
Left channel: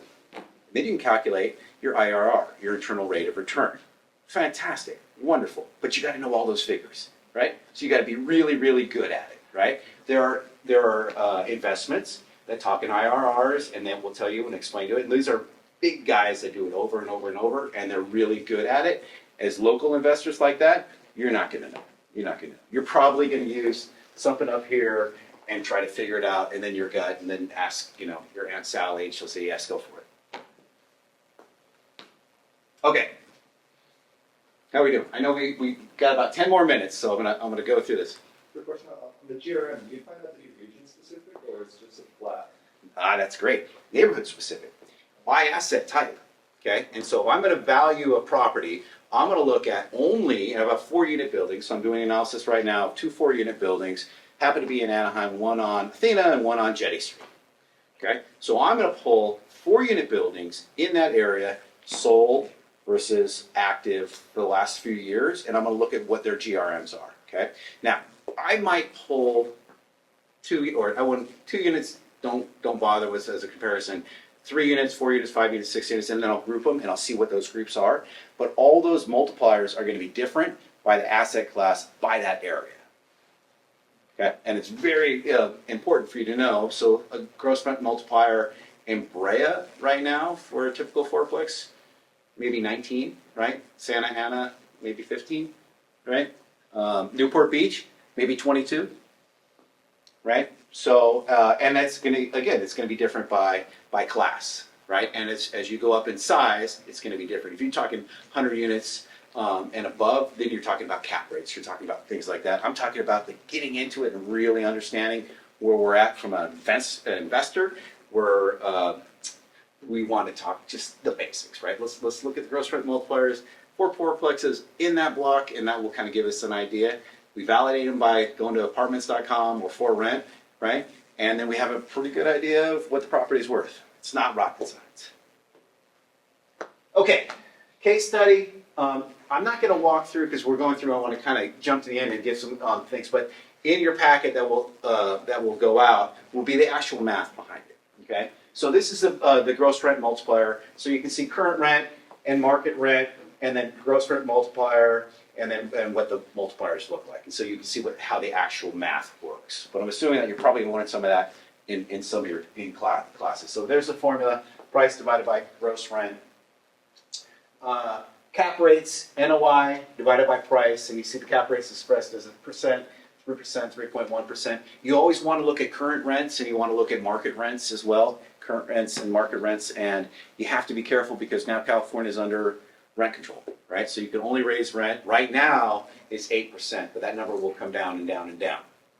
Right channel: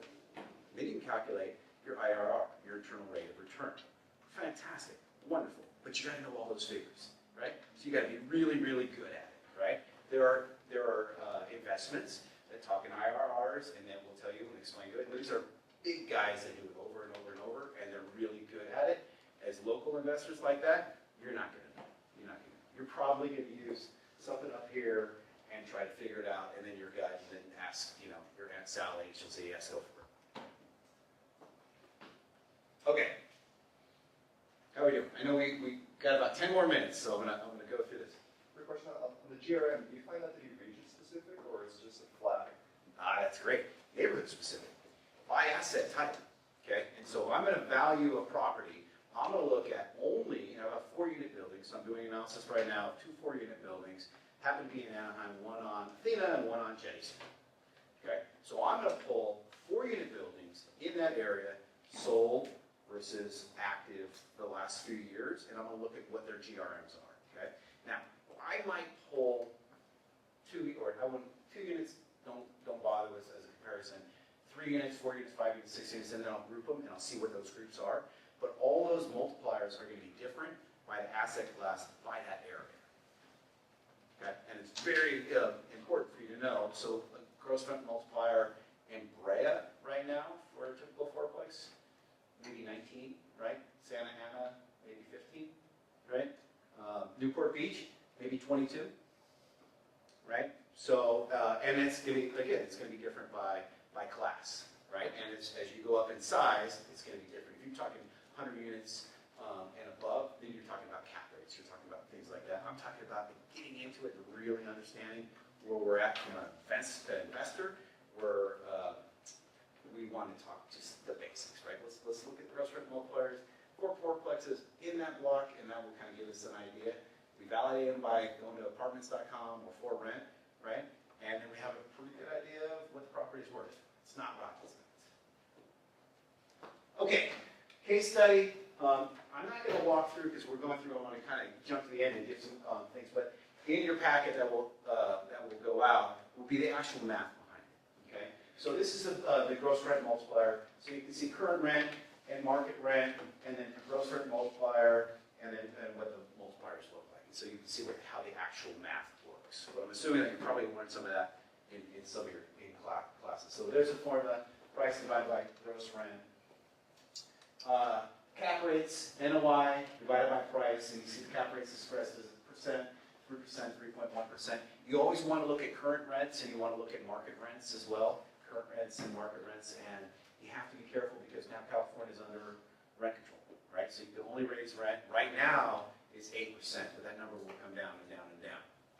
Then you can calculate your IRR, your internal rate of return. Fantastic, wonderful, but you got to know all those figures, right? So you got to be really, really good at it, right? There are investments that talk in IRRs, and then we'll tell you and explain to it. And these are big guys that do it over and over and over, and they're really good at it. As local investors like that, you're not going to know. You're not going to know. You're probably going to use something up here and try to figure it out, and then your gut, and then ask, your Aunt Sally, and she'll say, yes, go for it. Okay. How are we doing? I know we got about 10 more minutes, so I'm gonna go through this. Quick question on the GRM, do you find that to be region specific or is it just a flag? That's great. Neighborhood specific. By asset type, okay? And so if I'm gonna value a property, I'm gonna look at only, I have a 4-unit building, so I'm doing analysis right now of 2 4-unit buildings, happen to be in Anaheim, one on Athena and one on Jetty Street, okay? So I'm gonna pull 4-unit buildings in that area, sold versus active for the last few years, and I'm gonna look at what their GRMs are, okay? Now, I might pull 2 units, don't bother with as a comparison. 3 units, 4 units, 5 units, 6 units, and then I'll group them and I'll see what those groups are. But all those multipliers are gonna be different by the asset class, by that area. Okay, and it's very important for you to know. So a gross rent multiplier in Brea right now for a typical fourplex, maybe 19, right? Santa Ana, maybe 15, right? Newport Beach, maybe 22, right? So, and it's gonna be different by class, right? And as you go up in size, it's gonna be different. If you're talking 100 units and above, then you're talking about cap rates, you're talking about things like that. I'm talking about getting into it and really understanding where we're at from an investor, where we want to talk just the basics, right? Let's look at the gross rent multipliers for fourplexes in that block, and that will kind of give us an idea. We validate them by going to apartments.com or for rent, right? And then we have a pretty good idea of what the property is worth. It's not rocket science. Okay, case study. I'm not going to walk through because we're going through. I want to kind of jump to the end and give some things, but in your packet that will go out will be the actual math behind it. Okay, so this is the gross rent multiplier. So you can see current rent and market rent, and then gross rent multiplier, and what the multipliers look like. And so you can see how the actual math works. But I'm assuming that you're probably learning some of that in some of your classes. So there's the formula: price divided by gross rent. Cap rates, NOI divided by price, and you see the cap rates expressed as a percent, 3%, 3.1%. You always want to look at current rents and you want to look at market rents as well, current rents and market rents, and you have to be careful because now California is under rent control, right? So you can only raise rent. Right now it's 8%, but that number will come down and down and down,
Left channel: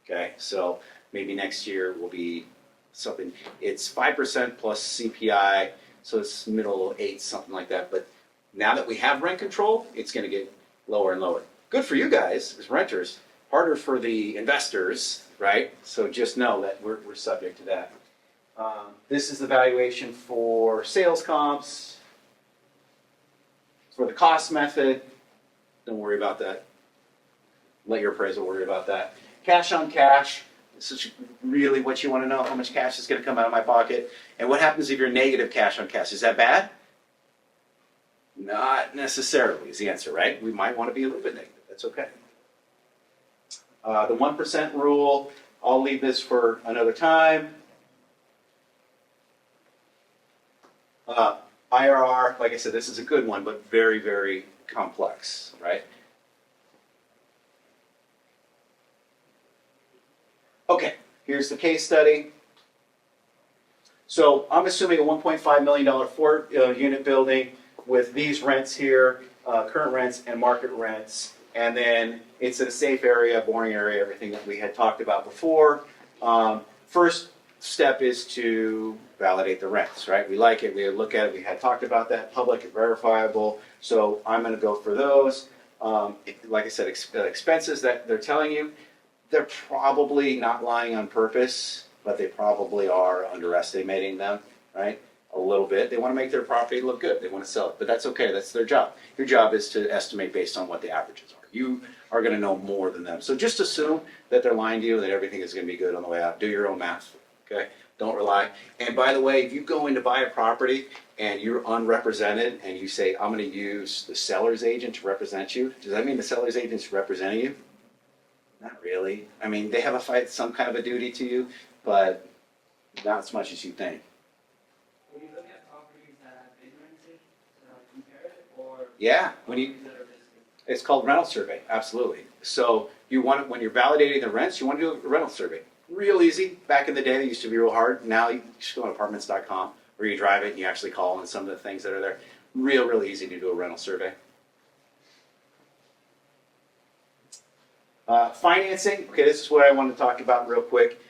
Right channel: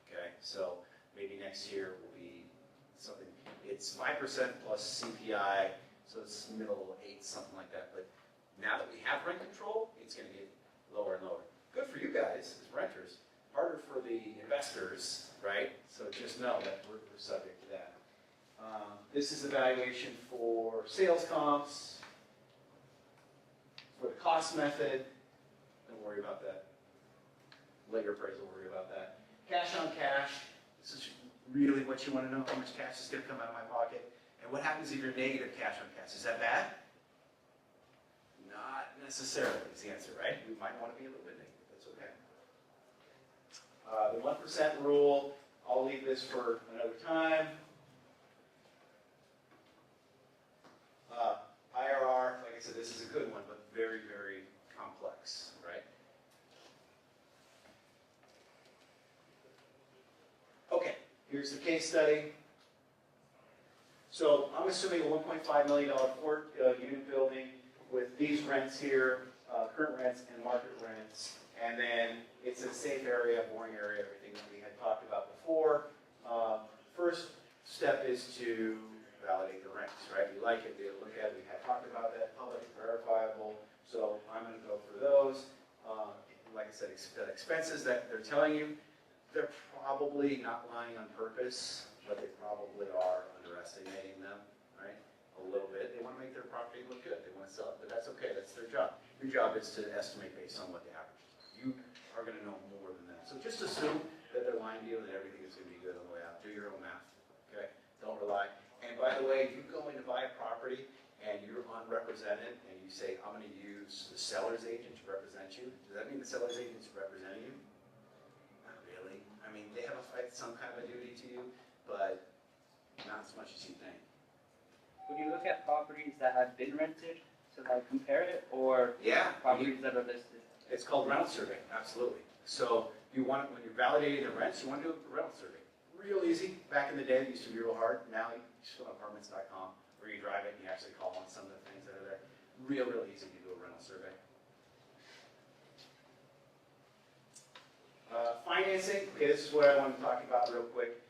okay? So maybe next year will be something, it's 5% plus CPI, so it's middle 8, something like that, but now that we have rent control, it's going to get lower and lower. Good for you guys as renters, harder for the investors, right? So just know that we're subject to that. This is the valuation for sales comps, for the cost method. Don't worry about that. Let your appraisal worry about that. Cash on cash. This is really what you want to know, how much cash is going to come out of my pocket. And what happens if you're negative cash on cash? Is that bad? Not necessarily is the answer, right? We might want to be a little bit negative. That's okay. The 1% rule, I'll leave this for another time. IRR, like I said, this is a good one, but very, very complex, right? Okay, here's the case study. So I'm assuming a $1.5 million 4-unit building with these rents here, current rents and market rents, and then it's in a safe area, boring area, everything that we had talked about before. First step is to validate the rents, right? We like it, we look at it, we had talked about that, public and verifiable, so I'm gonna go for those. Like I said, expenses that they're telling you, they're probably not lying on purpose, but they probably are underestimating them, right? A little bit. They want to make their property look good. They want to sell it, but that's okay. That's their job. Your job is to estimate based on what the averages are. You are going to know more than them. So just assume that they're lying to you, that everything is going to be good on the way out. Do your own math, okay? Don't rely. And by the way, if you go in to buy a property and you're unrepresented and you say, I'm going to use the seller's agent to represent you, does that mean the seller's agent's representing you? Not really. I mean, they have some kind of a duty to you, but not as much as you think. When you look at properties that have been rented, so like compare it, or Yeah, properties that are listed? it's called rental survey, absolutely. So you want it, when you're validating the rents, you want to do a rental survey. Real easy. Back in the day, it used to be real hard. Now you just go on apartments.com, where you drive it and you actually call on some of the things that are there. Real easy to do a rental survey. Financing, okay, this is what I want to talk about real quick.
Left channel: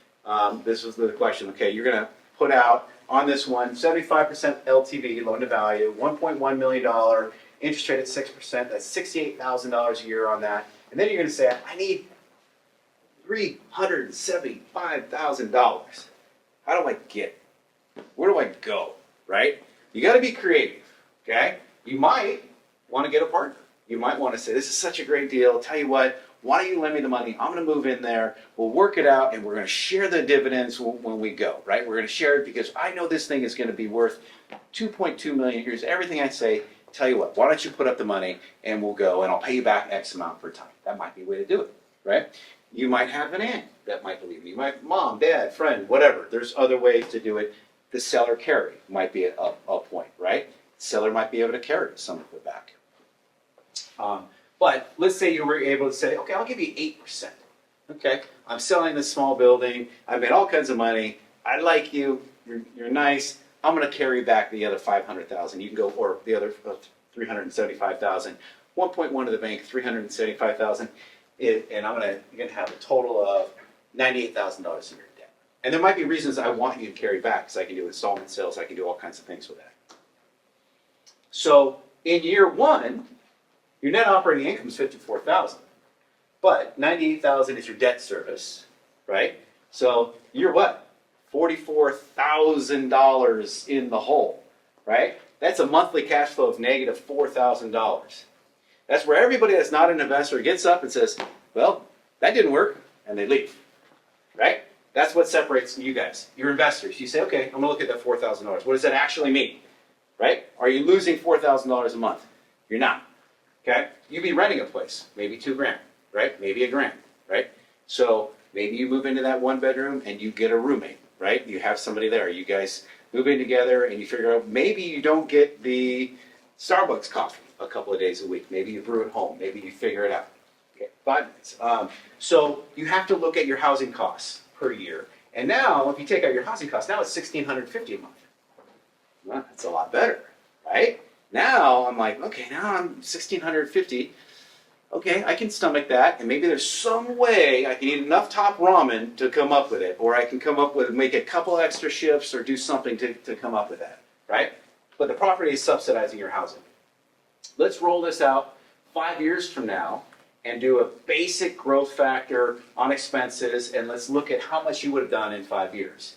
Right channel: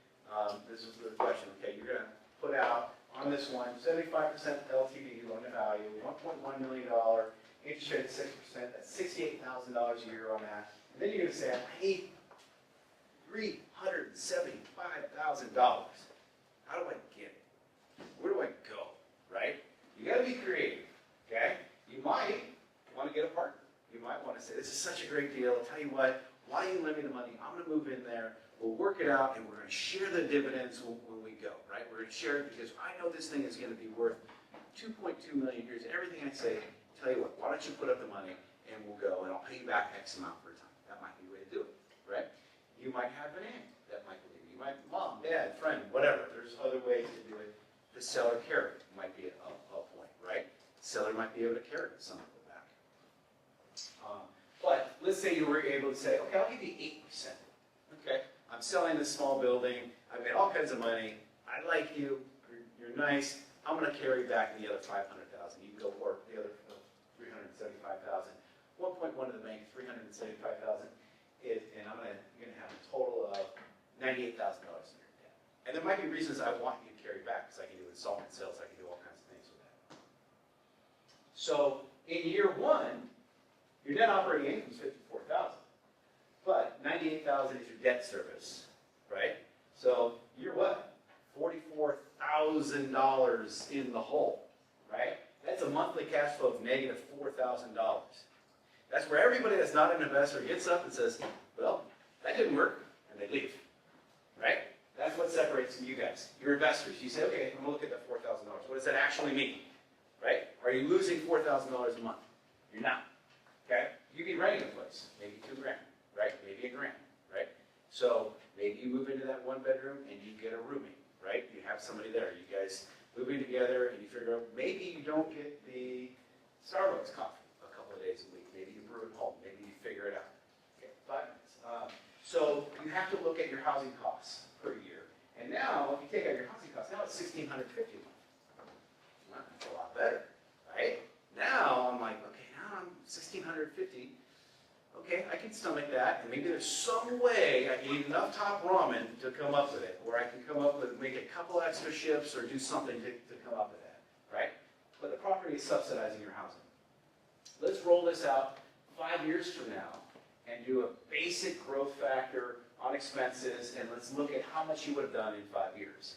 This was the question, okay, you're gonna put out on this one, 75% LTV, loan to value, $1.1 million, interest rate at 6%, that's $68,000 a year on that. And then you're gonna say, I need $375,000. How do I get it? Where do I go, right? You gotta be creative, okay? You might wanna get a partner. You might wanna say, this is such a great deal, tell you what, why don't you lend me the money? I'm gonna move in there, we'll work it out, and we're gonna share the dividends when we go, right? We're gonna share it because I know this thing is gonna be worth 2.2 million. Here's everything I say. Tell you what, why don't you put up the money and we'll go and I'll pay you back X amount per time. That might be a way to do it, right? You might have an aunt that might believe you. You might, mom, dad, friend, whatever. There's other ways to do it. The seller carry might be a point, right? The seller might be able to carry some of it back. But let's say you were able to say, okay, I'll give you 8%. Okay, I'm selling this small building. I've made all kinds of money. I like you. You're nice. I'm going to carry back the other 500,000. You can go, or the other 375,000. 1.1 to the bank, 375,000. And I'm going to have a total of $98,000 in your debt. And there might be reasons I want you to carry back, because I can do installment sales. I can do all kinds of things with that. So in year one, your net operating income is $54,000, but $98,000 is your debt service, right? So you're what? $44,000 in the hole, right? That's a monthly cash flow of negative $4,000. That's where everybody that's not an investor gets up and says, well, that didn't work, and they leave, right? That's what separates you guys. You're investors. You say, okay, I'm gonna look at that $4,000. What does that actually mean, right? Are you losing $4,000 a month? You're not. Okay, you'd be renting a place, maybe $2,000, right? Maybe $1,000, right? So maybe you move into that one bedroom and you get a roommate, right? You have somebody there. You guys move in together and you figure out maybe you don't get the Starbucks coffee a couple of days a week. Maybe you brew it home. Maybe you figure it out. Okay, 5 minutes. So you have to look at your housing costs per year. And now, if you take out your housing costs, now it's $1,650 a month. Well, that's a lot better, right? Now I'm like, okay, now I'm $1,650. Okay, I can stomach that, and maybe there's some way I can eat enough top ramen to come up with it, or I can come up with, make a couple extra shifts or do something to come up with that, right? But the property is subsidizing your housing. Let's roll this out 5 years from now and do a basic growth factor on expenses, and let's look at how much you would have done in 5 years,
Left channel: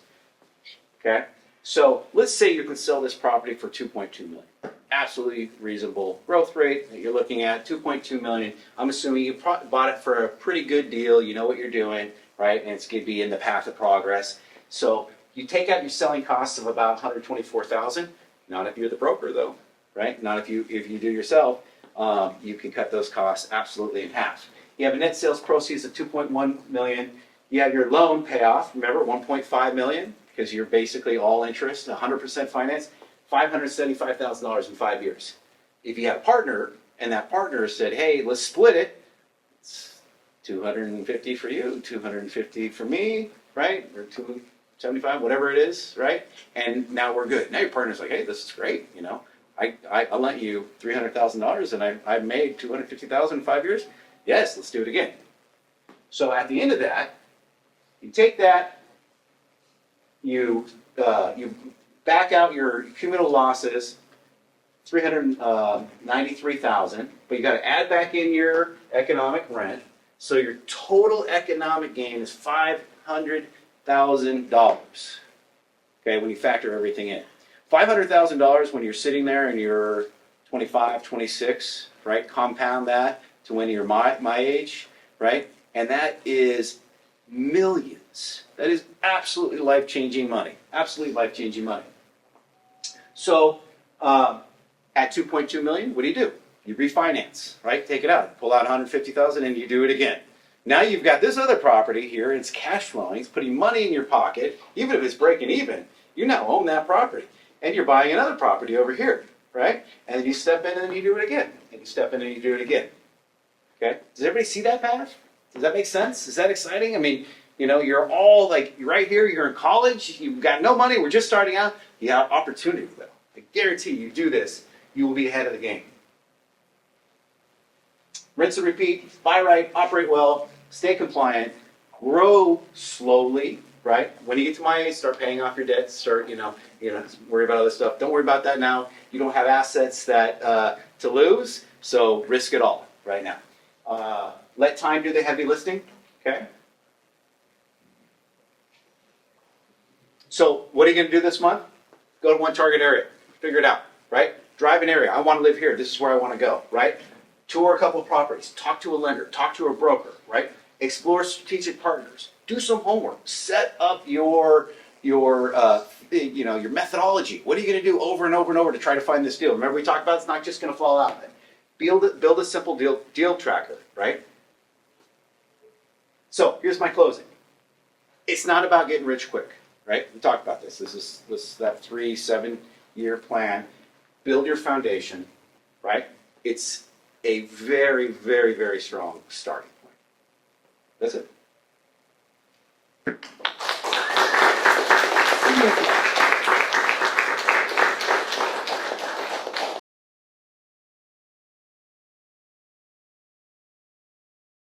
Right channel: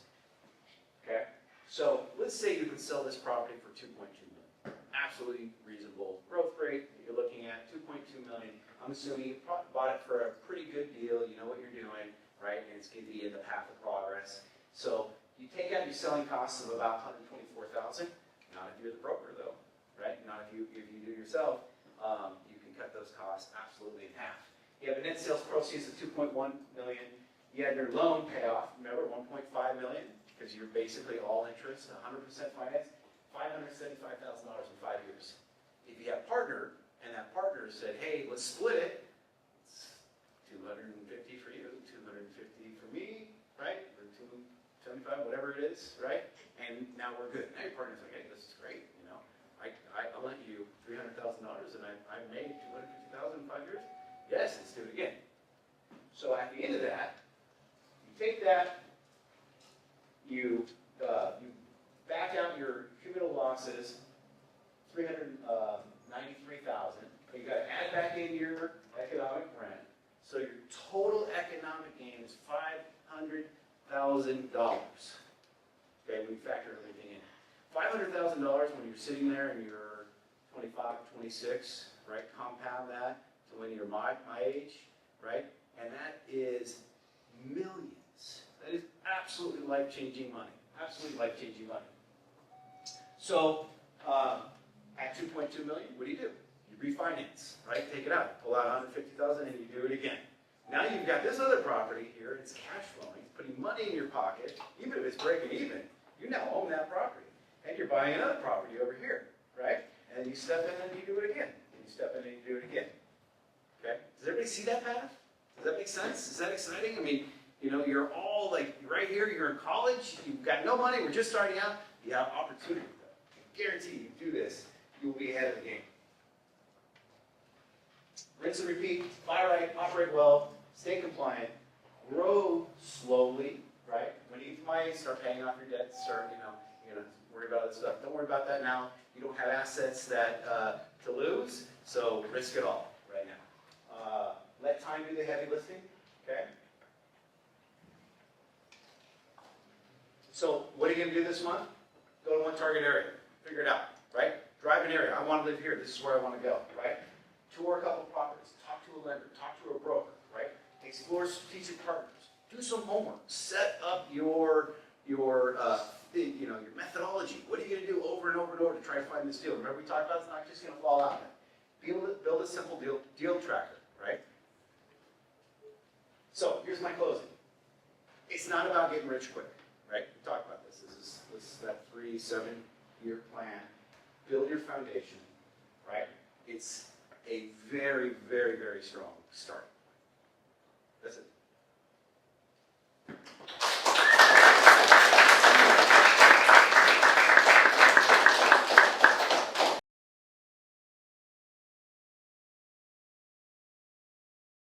okay? So let's say you could sell this property for $2.2 million. Absolutely reasonable growth rate that you're looking at, $2.2 million. I'm assuming you bought it for a pretty good deal. You know what you're doing, right? And it's going to be in the path of progress. So you take out your selling costs of about $124,000. Not if you're the broker, though, right? Not if you do yourself. You can cut those costs absolutely in half. You have a net sales proceeds of $2.1 million. You have your loan payoff. Remember, $1.5 million, because you're basically all interest, 100% finance. $575,000 in 5 years. If you have a partner, and that partner said, hey, let's split it, it's $250 for you, $250 for me, right? Or $275, whatever it is, right? And now we're good. Now your partner's like, hey, this is great, you know. I'll lent you $300,000 and I've made $250,000 in 5 years. Yes, let's do it again. So at the end of that, you take that, you back out your cumulative losses, $393,000, but you got to add back in your economic rent. So your total economic gain is $500,000. Okay, when you factor everything in. $500,000 when you're sitting there and you're 25, 26, right? Compound that to when you're my age, right? And that is millions. That is absolutely life-changing money. Absolutely life-changing money. So at $2.2 million, what do? You refinance, right? Take it out, pull out $150,000, and you do it again. Now you've got this other property here, and it's cash flowing. It's putting money in your pocket. Even if it's breaking even, you now own that property, and you're buying another property over here, right? And you step in and you do it again, and you step in and you do it again. Okay? Does everybody see that path? Does that make sense? Is that exciting? I mean, you know, you're all like, you're right here, you're in college, you've got no money, we're just starting out. You have opportunity, though. I guarantee you do this, you will be ahead of the game. Rinse and repeat, buy right, operate well, stay compliant, grow slowly, right? When you get to my age, start paying off your debts, start, worry about other stuff. Don't worry about that now. You don't have assets that to lose, so risk it all right now. Let time do the heavy lifting, okay? So what are you going to do this month? Go to one target area, figure it out, right? Drive an area. I want to live here. This is where I want to go, right? Tour a couple of properties. Talk to a lender. Talk to a broker, right? Explore strategic partners. Do some homework. Set up your methodology. What are you going to do over and over and over to try to find this deal? Remember we talked about it's not just going to fall out. Build a simple deal tracker, right? So here's my closing. It's not about getting rich quick, right? We talked about this. This is that 3-7-year plan. Build your foundation, right? It's a very, very, very strong starting point. That's it.